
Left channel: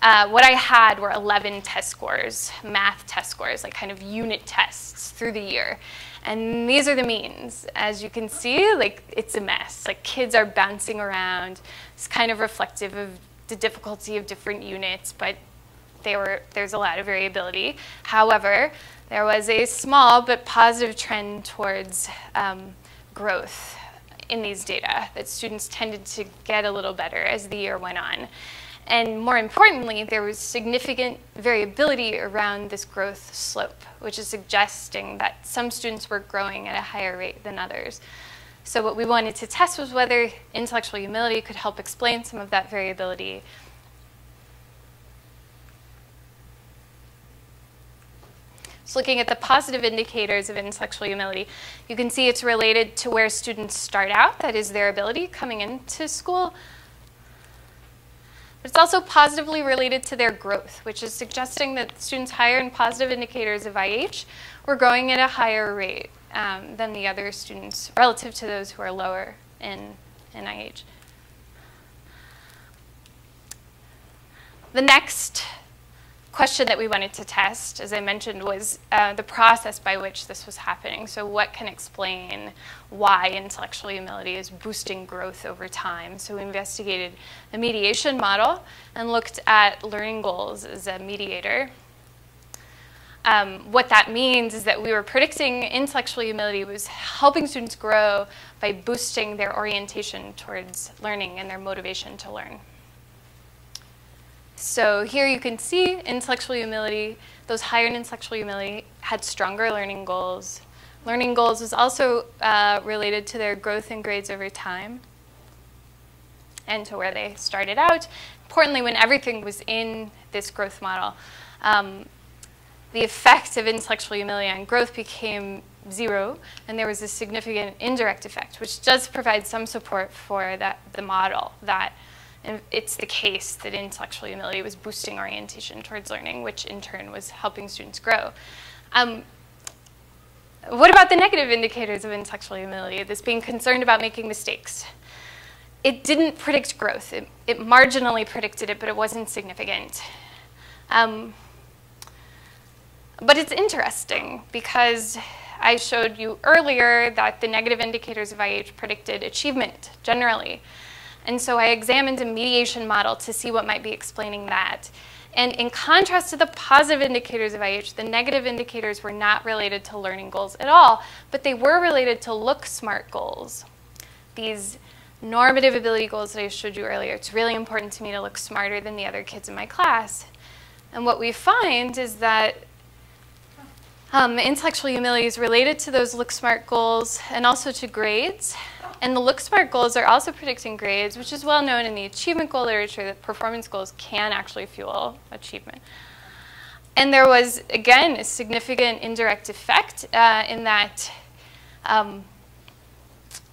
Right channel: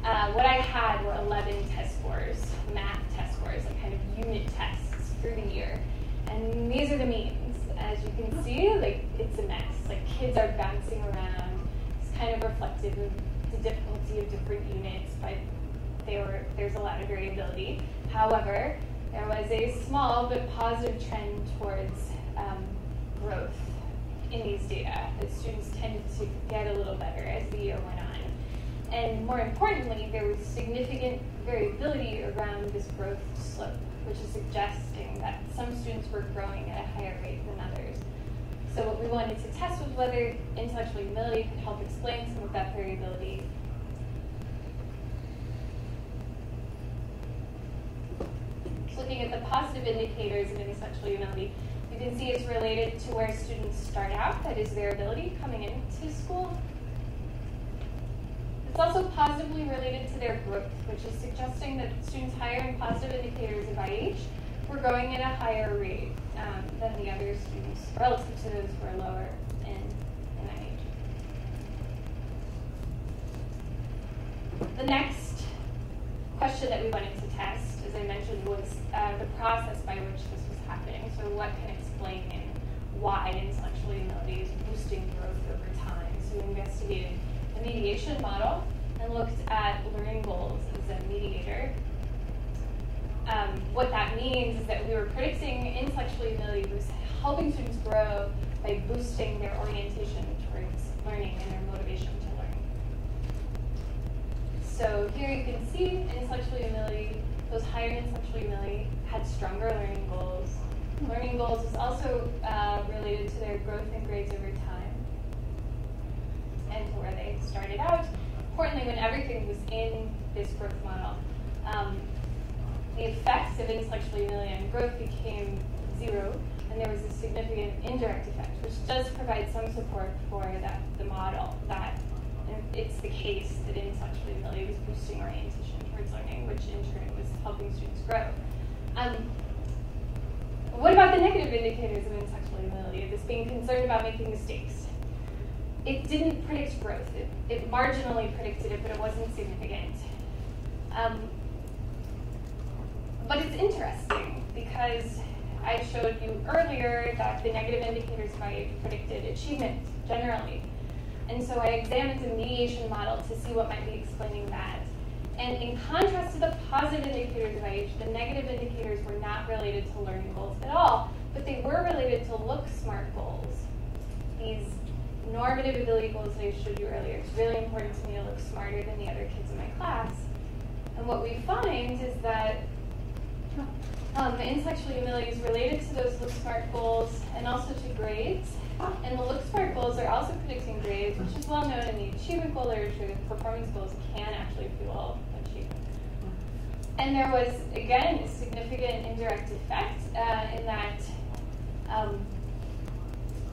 What I had were 11 test scores, math test scores, like kind of unit tests through the year. And these are the means. As you can see, like it's a mess. Like kids are bouncing around. It's kind of reflective of the difficulty of different units, but there's a lot of variability. However, there was a small but positive trend towards growth in these data, that students tended to get a little better as the year went on. And more importantly, there was significant variability around this growth slope, which is suggesting that some students were growing at a higher rate than others. So what we wanted to test was whether intellectual humility could help explain some of that variability. So looking at the positive indicators of intellectual humility, you can see it's related to where students start out, that is their ability coming into school. But it's also positively related to their growth, which is suggesting that students higher in positive indicators of IH were growing at a higher rate than the other students relative to those who are lower in IH. The next question that we wanted to test, as I mentioned, was the process by which this was happening. So what can explain why intellectual humility is boosting growth over time? So we investigated the mediation model and looked at learning goals as a mediator. What that means is that we were predicting intellectual humility was helping students grow by boosting their orientation towards learning and their motivation to learn. So here you can see intellectual humility, those higher in intellectual humility had stronger learning goals. Learning goals was also related to their growth in grades over time and to where they started out. Importantly, when everything was in this growth model, the effect of intellectual humility on growth became 0, and there was a significant indirect effect, which does provide some support for the model that it's the case that intellectual humility was boosting orientation towards learning, which in turn was helping students grow. What about the negative indicators of intellectual humility, this being concerned about making mistakes? It didn't predict growth. It marginally predicted it, but it wasn't significant. But it's interesting because I showed you earlier that the negative indicators of IH predicted achievement generally. And so I examined a mediation model to see what might be explaining that. And in contrast to the positive indicators of IH, the negative indicators were not related to learning goals at all, but they were related to look smart goals. These normative ability goals that I showed you earlier. It's really important to me to look smarter than the other kids in my class. And what we find is that intellectual humility is related to those look smart goals and also to grades. And the look smart goals are also predicting grades, which is well known in the achievement goal literature that performance goals can actually fuel achievement. And there was, again, a significant indirect effect in that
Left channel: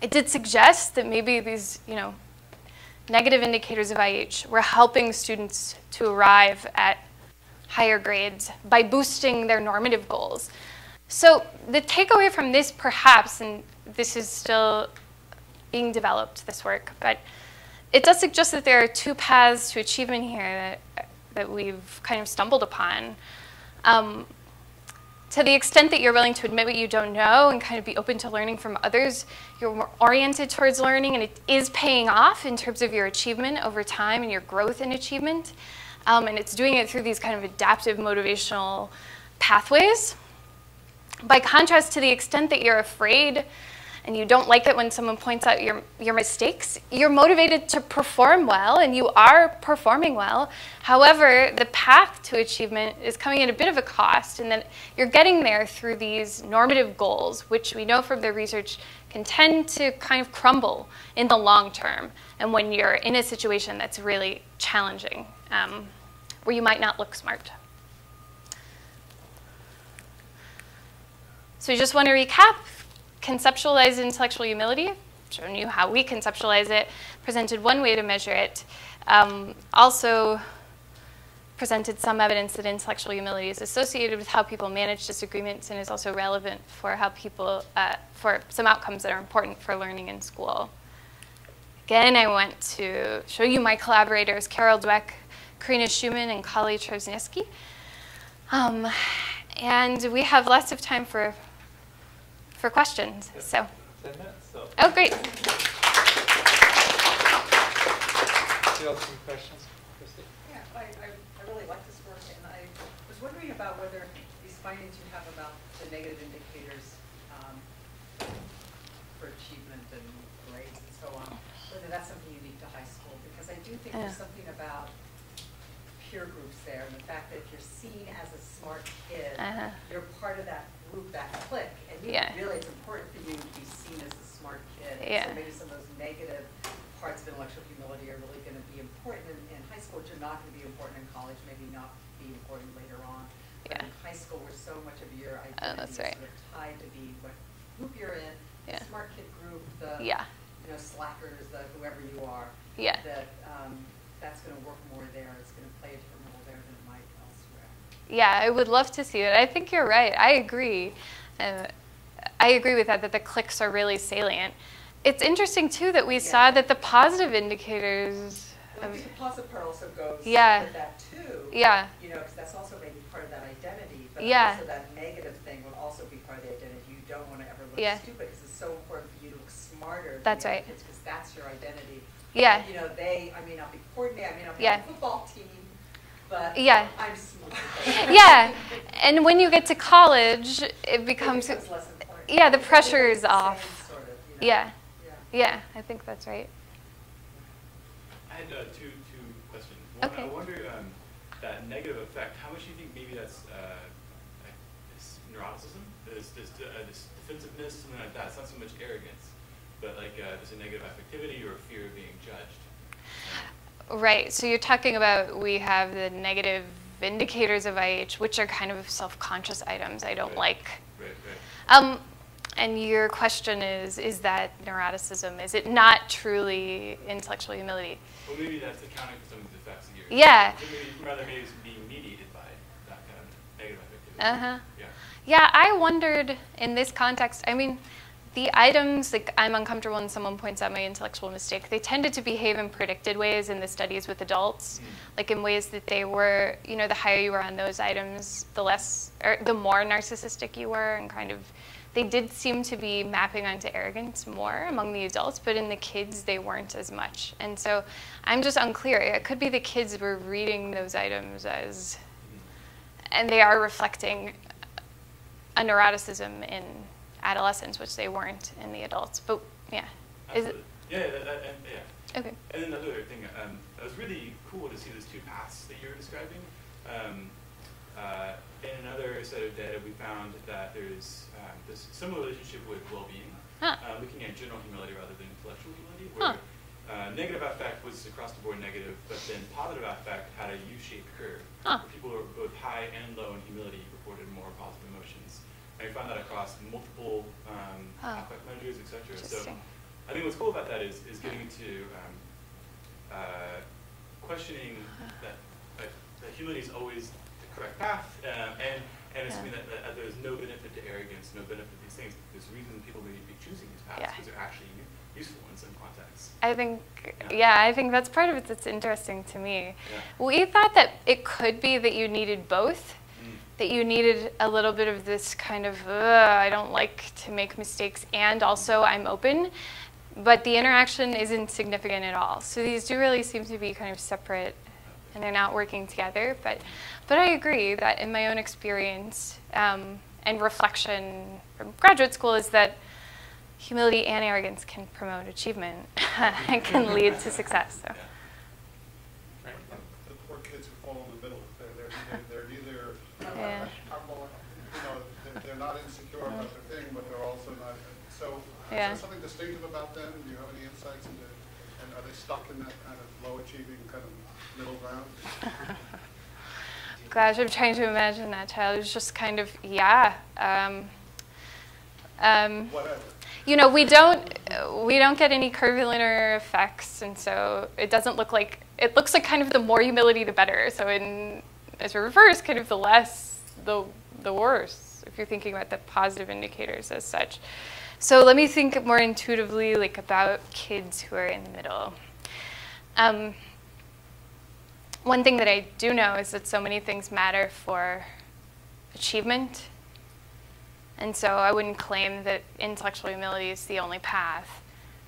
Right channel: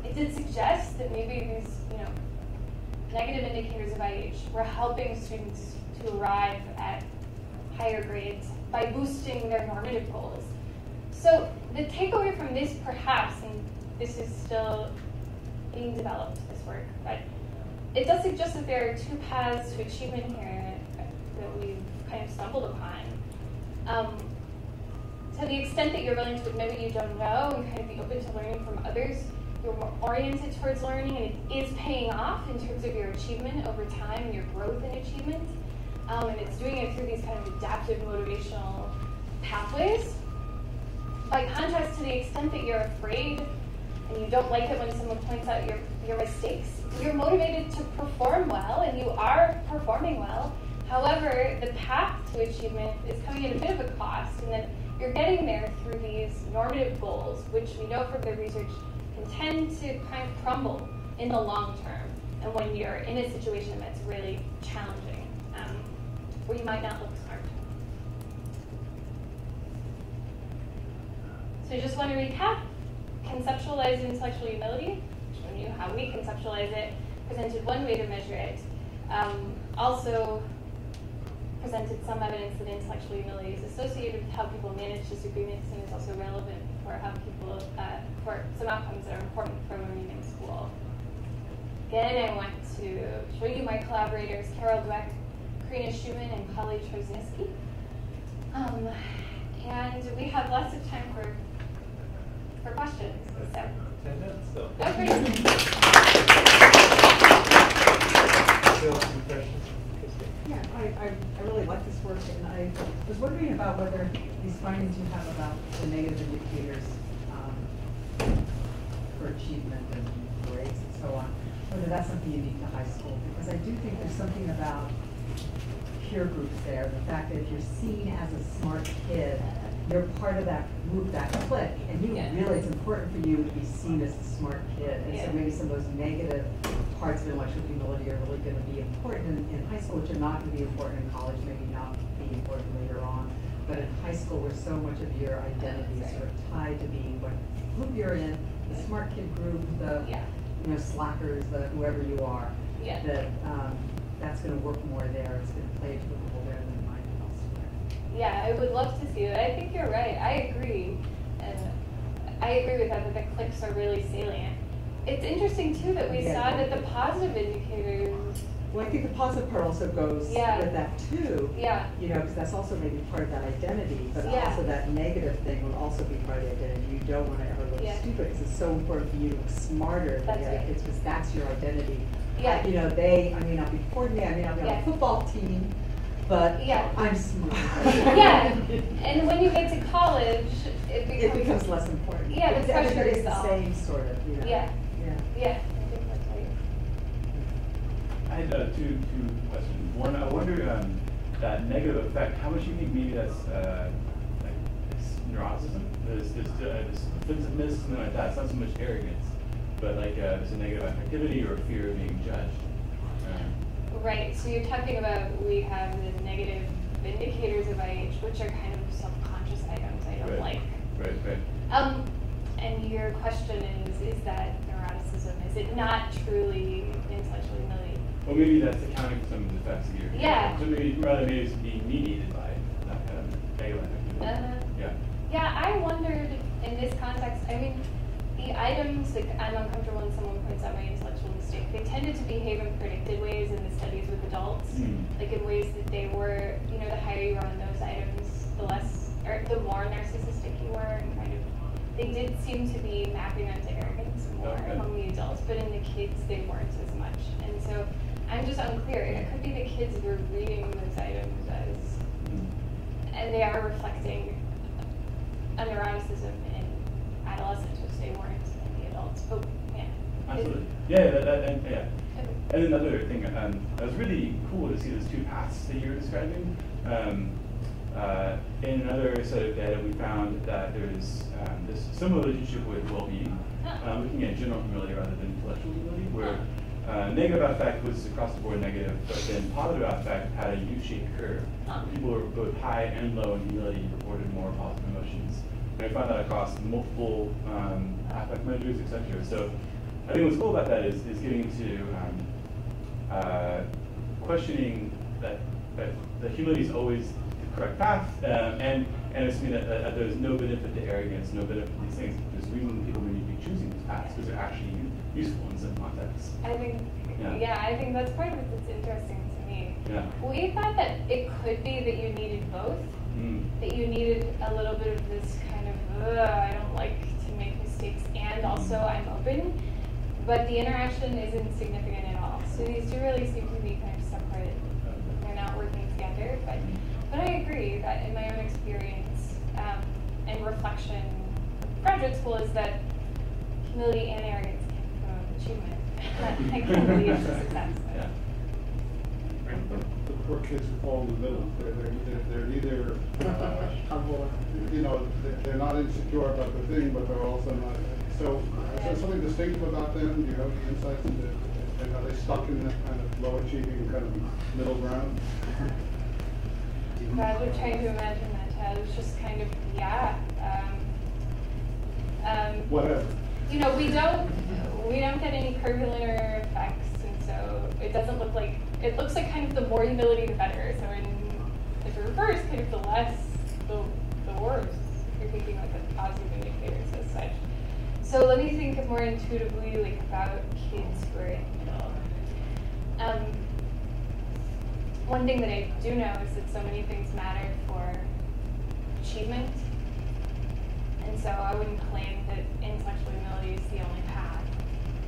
it did suggest that maybe these, negative indicators of IH were helping students to arrive at higher grades by boosting their normative goals. So the takeaway from this, perhaps, and this is still being developed, this work, but it does suggest that there are 2 paths to achievement here that we've kind of stumbled upon. To the extent that you're willing to admit what you don't know and kind of be open to learning from others, you're more oriented towards learning, and it is paying off in terms of your achievement over time and your growth in achievement. And it's doing it through these kind of adaptive motivational pathways. By contrast, to the extent that you're afraid and you don't like it when someone points out your mistakes, you're motivated to perform well, and you are performing well. However, the path to achievement is coming at a bit of a cost, and that you're getting there through these normative goals, which we know from the research can tend to kind of crumble in the long term, and when you're in a situation that's really challenging. Where you might not look smart. So we just want to recap, conceptualize intellectual humility, shown you how we conceptualize it, presented one way to measure it, also presented some evidence that intellectual humility is associated with how people manage disagreements and is also relevant for how people, for some outcomes that are important for learning in school. Again, I want to show you my collaborators, Carol Dweck, Karina Schumann, and Kali Trzesniewski. And we have lots of time for questions. So. 10 minutes, so. Oh, great. Yeah, I really like this work, and I was wondering about whether these findings you have about the negative indicators for achievement and grades and so on, whether that's something unique to high school, because I do think there's something about peer groups there, the fact that if you're seen as a smart kid, you're part of that group, that clique, and really it's important for you to be seen as a smart kid. So maybe some of those negative parts of intellectual humility are really going to be important in high school, which are not going to be important in college, maybe not be important later on. But in high school, where so much of your identity is sort of tied to being what group you're in, the smart kid group, the slackers, the whoever you are, that that's going to work more there. It's going to play to the role there than it might elsewhere. Yeah, I would love to see it. I think you're right. I agree. I agree with that the cliques are really salient. It's interesting, too, that we saw that the positive indicators Well, I think the positive part also goes Yeah. with that too. Yeah. You know, because that's also maybe part of that identity, but Yeah. also that negative thing will also be part of the identity. You don't want to ever look Yeah. stupid because it's so important for you to look smarter That's than the right. other kids because that's your identity. Yeah. You know, I may not be coordinated, I may not be on Yeah. a football team, but Yeah. I'm smart. Yeah, and when you get to college, it becomes less important. Yeah, the Because pressure everybody's is the off. same, sort of, you know? Yeah. Yeah. Yeah, I think that's right. I had two questions. One, I wonder that negative effect. How much do you think maybe that's like this neuroticism, this defensiveness, something like that? It's not so much arrogance, but like there's a negative affectivity or fear of being judged. Right. So you're talking about we have the negative indicators of IH, which are kind of self-conscious items I don't like. Right. And your question is that neuroticism? Is it not truly intellectual humility? Well, maybe that's accounting for some of the effects that you're. Yeah. Rather, maybe it's being mediated by that kind of negative activity. Yeah. Yeah, I wondered in this context, I mean, the items, like I'm uncomfortable when someone points out my intellectual mistake, they tended to behave in predicted ways in the studies with adults, like in ways that they were, you know, the higher you were on those items, the less, or the more narcissistic you were, and kind of, they did seem to be mapping onto arrogance more among the adults, but in the kids, they weren't as much. And so I'm just unclear. It could be the kids were reading those items as, and they are reflecting a neuroticism in adolescents, which they weren't in the adults. But yeah. Absolutely. Yeah. Okay. And another thing, it was really cool to see those two paths that you were describing. In another set of data, we found that there's this similar relationship with well-being, looking at general humility rather than intellectual humility, where negative affect was across the board negative, but then positive affect had a U-shaped curve. People who were both high and low in humility reported more positive emotions. And we found that across multiple affect measures, etc. So I think what's cool about that is getting into questioning that humility is always the correct path, and it's mean that there's no benefit to arrogance, no benefit to these things. There's reason people may be choosing these paths because they're actually useful in some contexts. I think, I think that's part of it that's interesting to me. Yeah. We thought that it could be that you needed both. That you needed a little bit of this kind of, I don't like to make mistakes, and also I'm open. But the interaction isn't significant at all. So these do really seem to be kind of separate, and they're not working together. But I agree that in my own experience and reflection from graduate school is that humility and arrogance can promote achievement and can lead to success. So. The poor kids who fall in the middle, they're either, you know, they're not insecure about their thing, but they're also not. So is there something distinctive about them? Do you have any insights into, and are they stuck in this kind of low achieving kind of middle ground? Gosh, I'm trying to imagine that child. It's just kind of, Whatever. You know, we don't get any curvilinear effects, and so it doesn't look like, it looks like kind of the more humility, the better. So as a reverse, kind of the less, the worse, if you're thinking about the positive indicators as such. So let me think more intuitively like about kids who are in the middle. One thing that I do know is that so many things matter for achievement. And so I wouldn't claim that intellectual humility is the only path.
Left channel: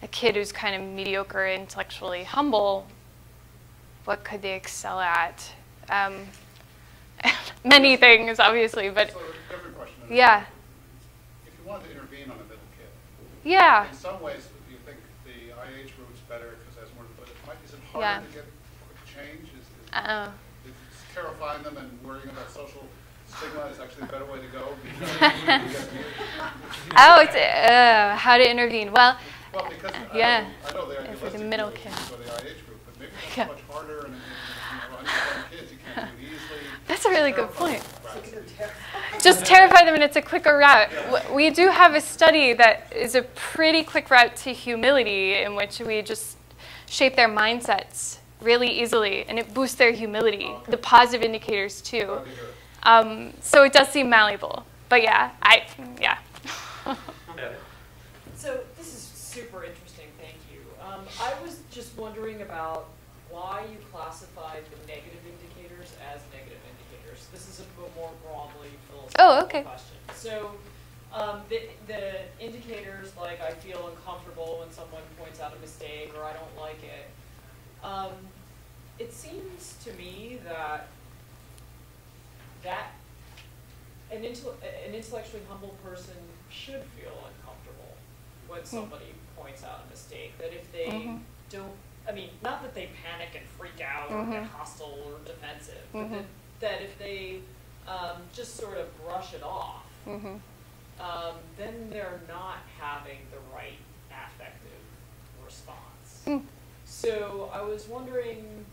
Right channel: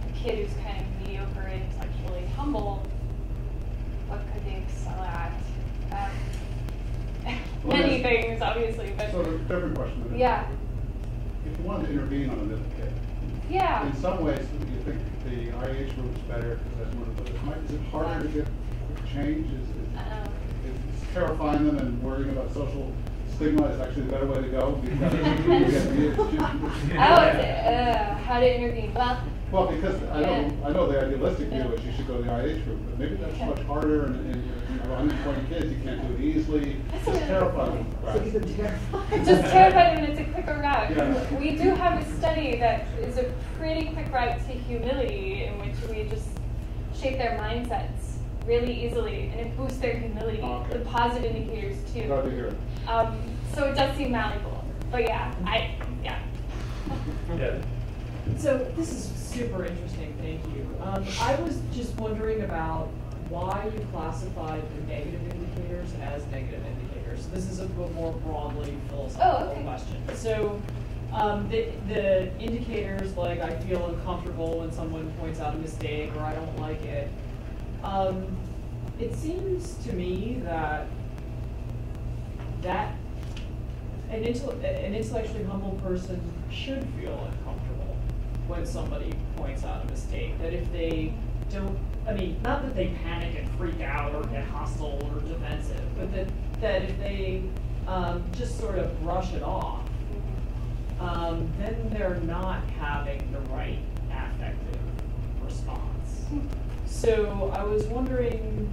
The kid who's kind of mediocre, intellectually humble, what could they excel at? Many things, obviously, but So a different question. yeah. If you wanted to intervene on a middle kid, Yeah. in some ways, do you think the IH route is better because there's more? But is it harder to get quick change? Is terrifying them and worrying about social stigma is actually the better way to go? How to intervene? Well, because I know the idealistic view is you should go the IH route, but maybe that's much harder and uninformed kids you can't do it easily. That's a really good point. Right. Just terrify them and it's a quicker route. Yeah. We do have a study that is a pretty quick route to humility in which we just shape their mindsets really easily and it boosts their humility, the positive indicators too. Glad to hear it. So it does seem malleable, but yeah. So this is super interesting, thank you. I was just wondering about why you classified the negative indicators as negative indicators. This is a more broadly philosophical question. So the indicators like I feel uncomfortable when someone points out a mistake or I don't like it, it seems to me that an intellectually humble person should feel uncomfortable when somebody points out a mistake. That if they don't, I mean, not that they panic and freak out or get hostile or defensive, but that if they just sort of brush it off, then they're not having the right affective response. So I was wondering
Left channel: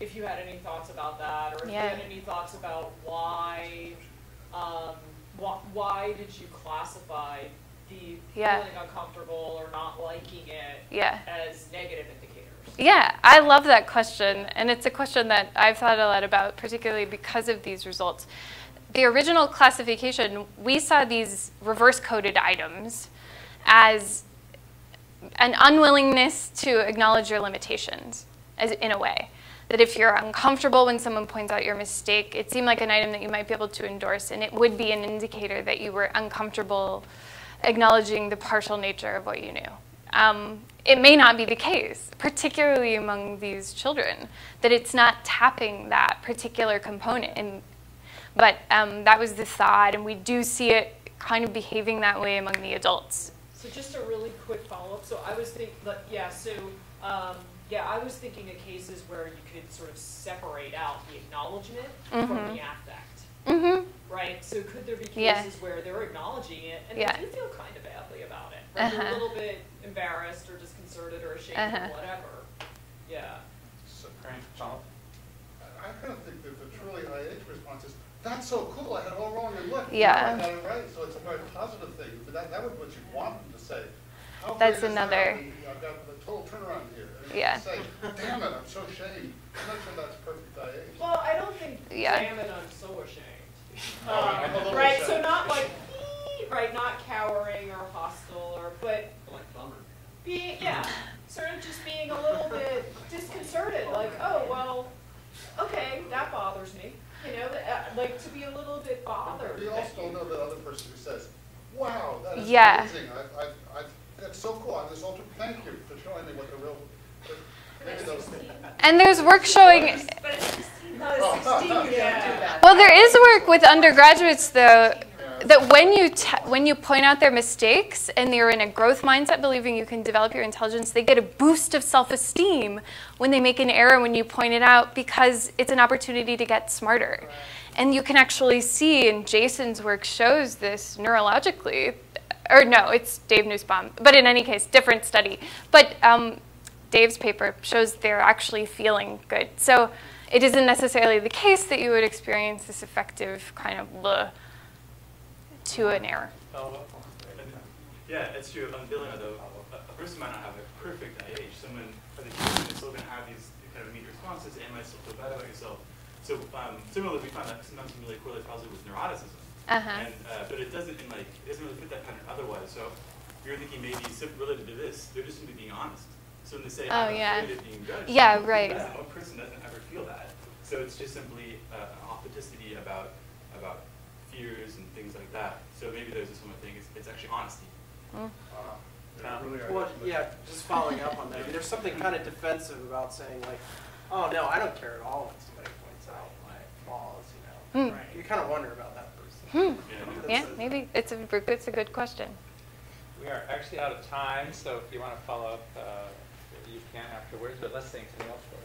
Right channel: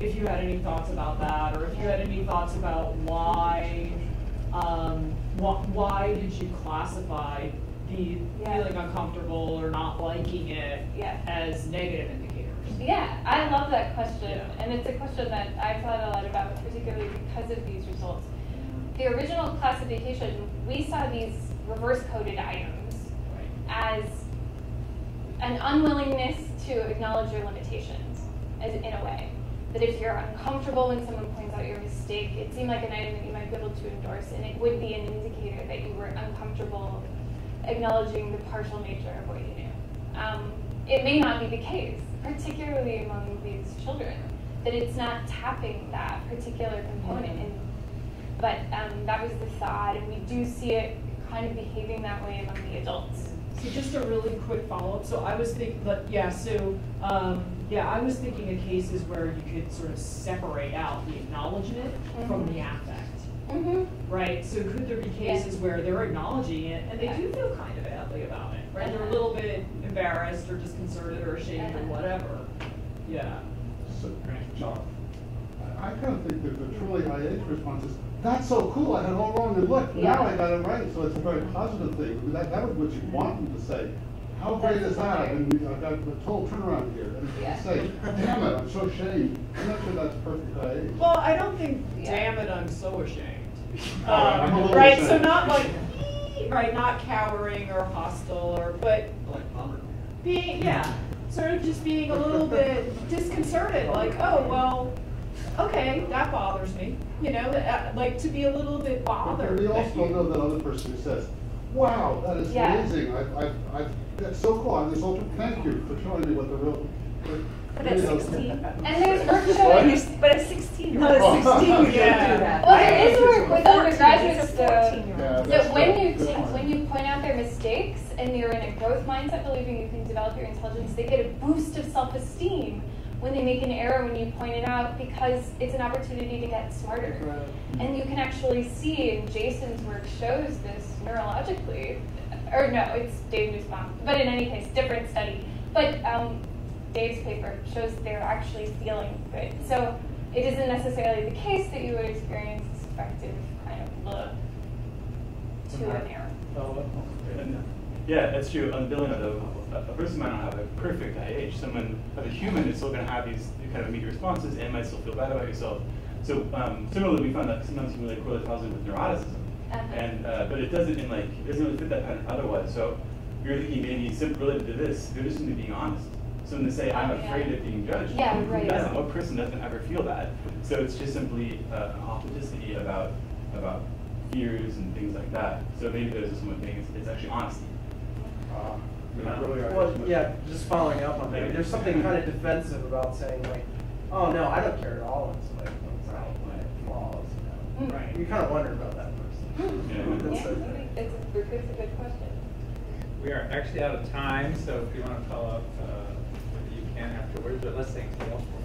if you had any thoughts about that, or if you had any thoughts about why did you classify the feeling uncomfortable or not liking it as negative indicators? Yeah, I love that question, and it's a question that I've thought a lot about, particularly because of these results. The original classification, we saw these reverse-coded items as an unwillingness to acknowledge your limitations, as in a way. That if you're uncomfortable when someone points out your mistake, it seemed like an item that you might be able to endorse, and it would be an indicator that you were uncomfortable acknowledging the partial nature of what you knew. It may not be the case, particularly among these children, that it's not tapping that particular component. But that was the thought, and we do see it kind of behaving that way among the adults. So just a really quick follow-up. So I was thinking, I was thinking of cases where you could sort of separate out the acknowledgement from the affect. Right? So could there be cases where they're acknowledging it and they do feel kind of badly about it? Right? They're a little bit embarrassed or disconcerted or ashamed or whatever. Yeah. So, I kind of think that the truly IH response is, that's so cool, I had it all wrong, and look, now I got it right. So it's a very positive thing. That was what you want them to say. How great is that? And I've got the total turnaround here. And say, damn it, I'm so ashamed. I'm not sure that's perfect IH. Well, I don't think, damn it, I'm so ashamed. I'm a little right, ashamed. So not like, not cowering or hostile, but being, sort of just being a little bit disconcerted, like, oh, well, okay, that bothers me. You know, like to be a little bit bothered. But we also know that other person who says, wow, that is amazing. That's so cool. I'm this ultra, thank you for showing me what the real... But at 16. And there's work showing... But at 16. No, at 16 you can't do that. Well, there is work with undergraduates, though, that when you point out their mistakes and they're in a growth mindset, believing you can develop your intelligence, they get a boost of self-esteem when they make an error when you point it out, because it's an opportunity to get smarter. Right. And you can actually see, and Jason's work shows this neurologically, or no, it's Dave Nussbaum, but in any case, different study. But Dave's paper shows they're actually feeling good. So it isn't necessarily the case that you would experience this effective kind of to an error. Yeah, that's true. On billing, a person might not have a perfect IH. Someone, a human, is still going to have these kind of immediate responses and might still feel bad about yourself. So similarly, we find that sometimes you can really correlate positively with neuroticism. And but it doesn't really fit that pattern otherwise. So you're thinking maybe related to this, they're just going to be honest. So when they say, I'm afraid of being judged, no person doesn't ever feel that. So it's just simply an authenticity about fears and things like that. So maybe there's this one thing, it's actually honesty. Well, yeah, just following up on that. There's something kind of defensive about saying, like, oh, no, I don't care at all. It's like, it's not my flaws, you know. Right. You kind of wonder about that person. Yeah, maybe it's a good question. We are actually out of time, so if you want to follow up, you can afterwards, but let's thank you all for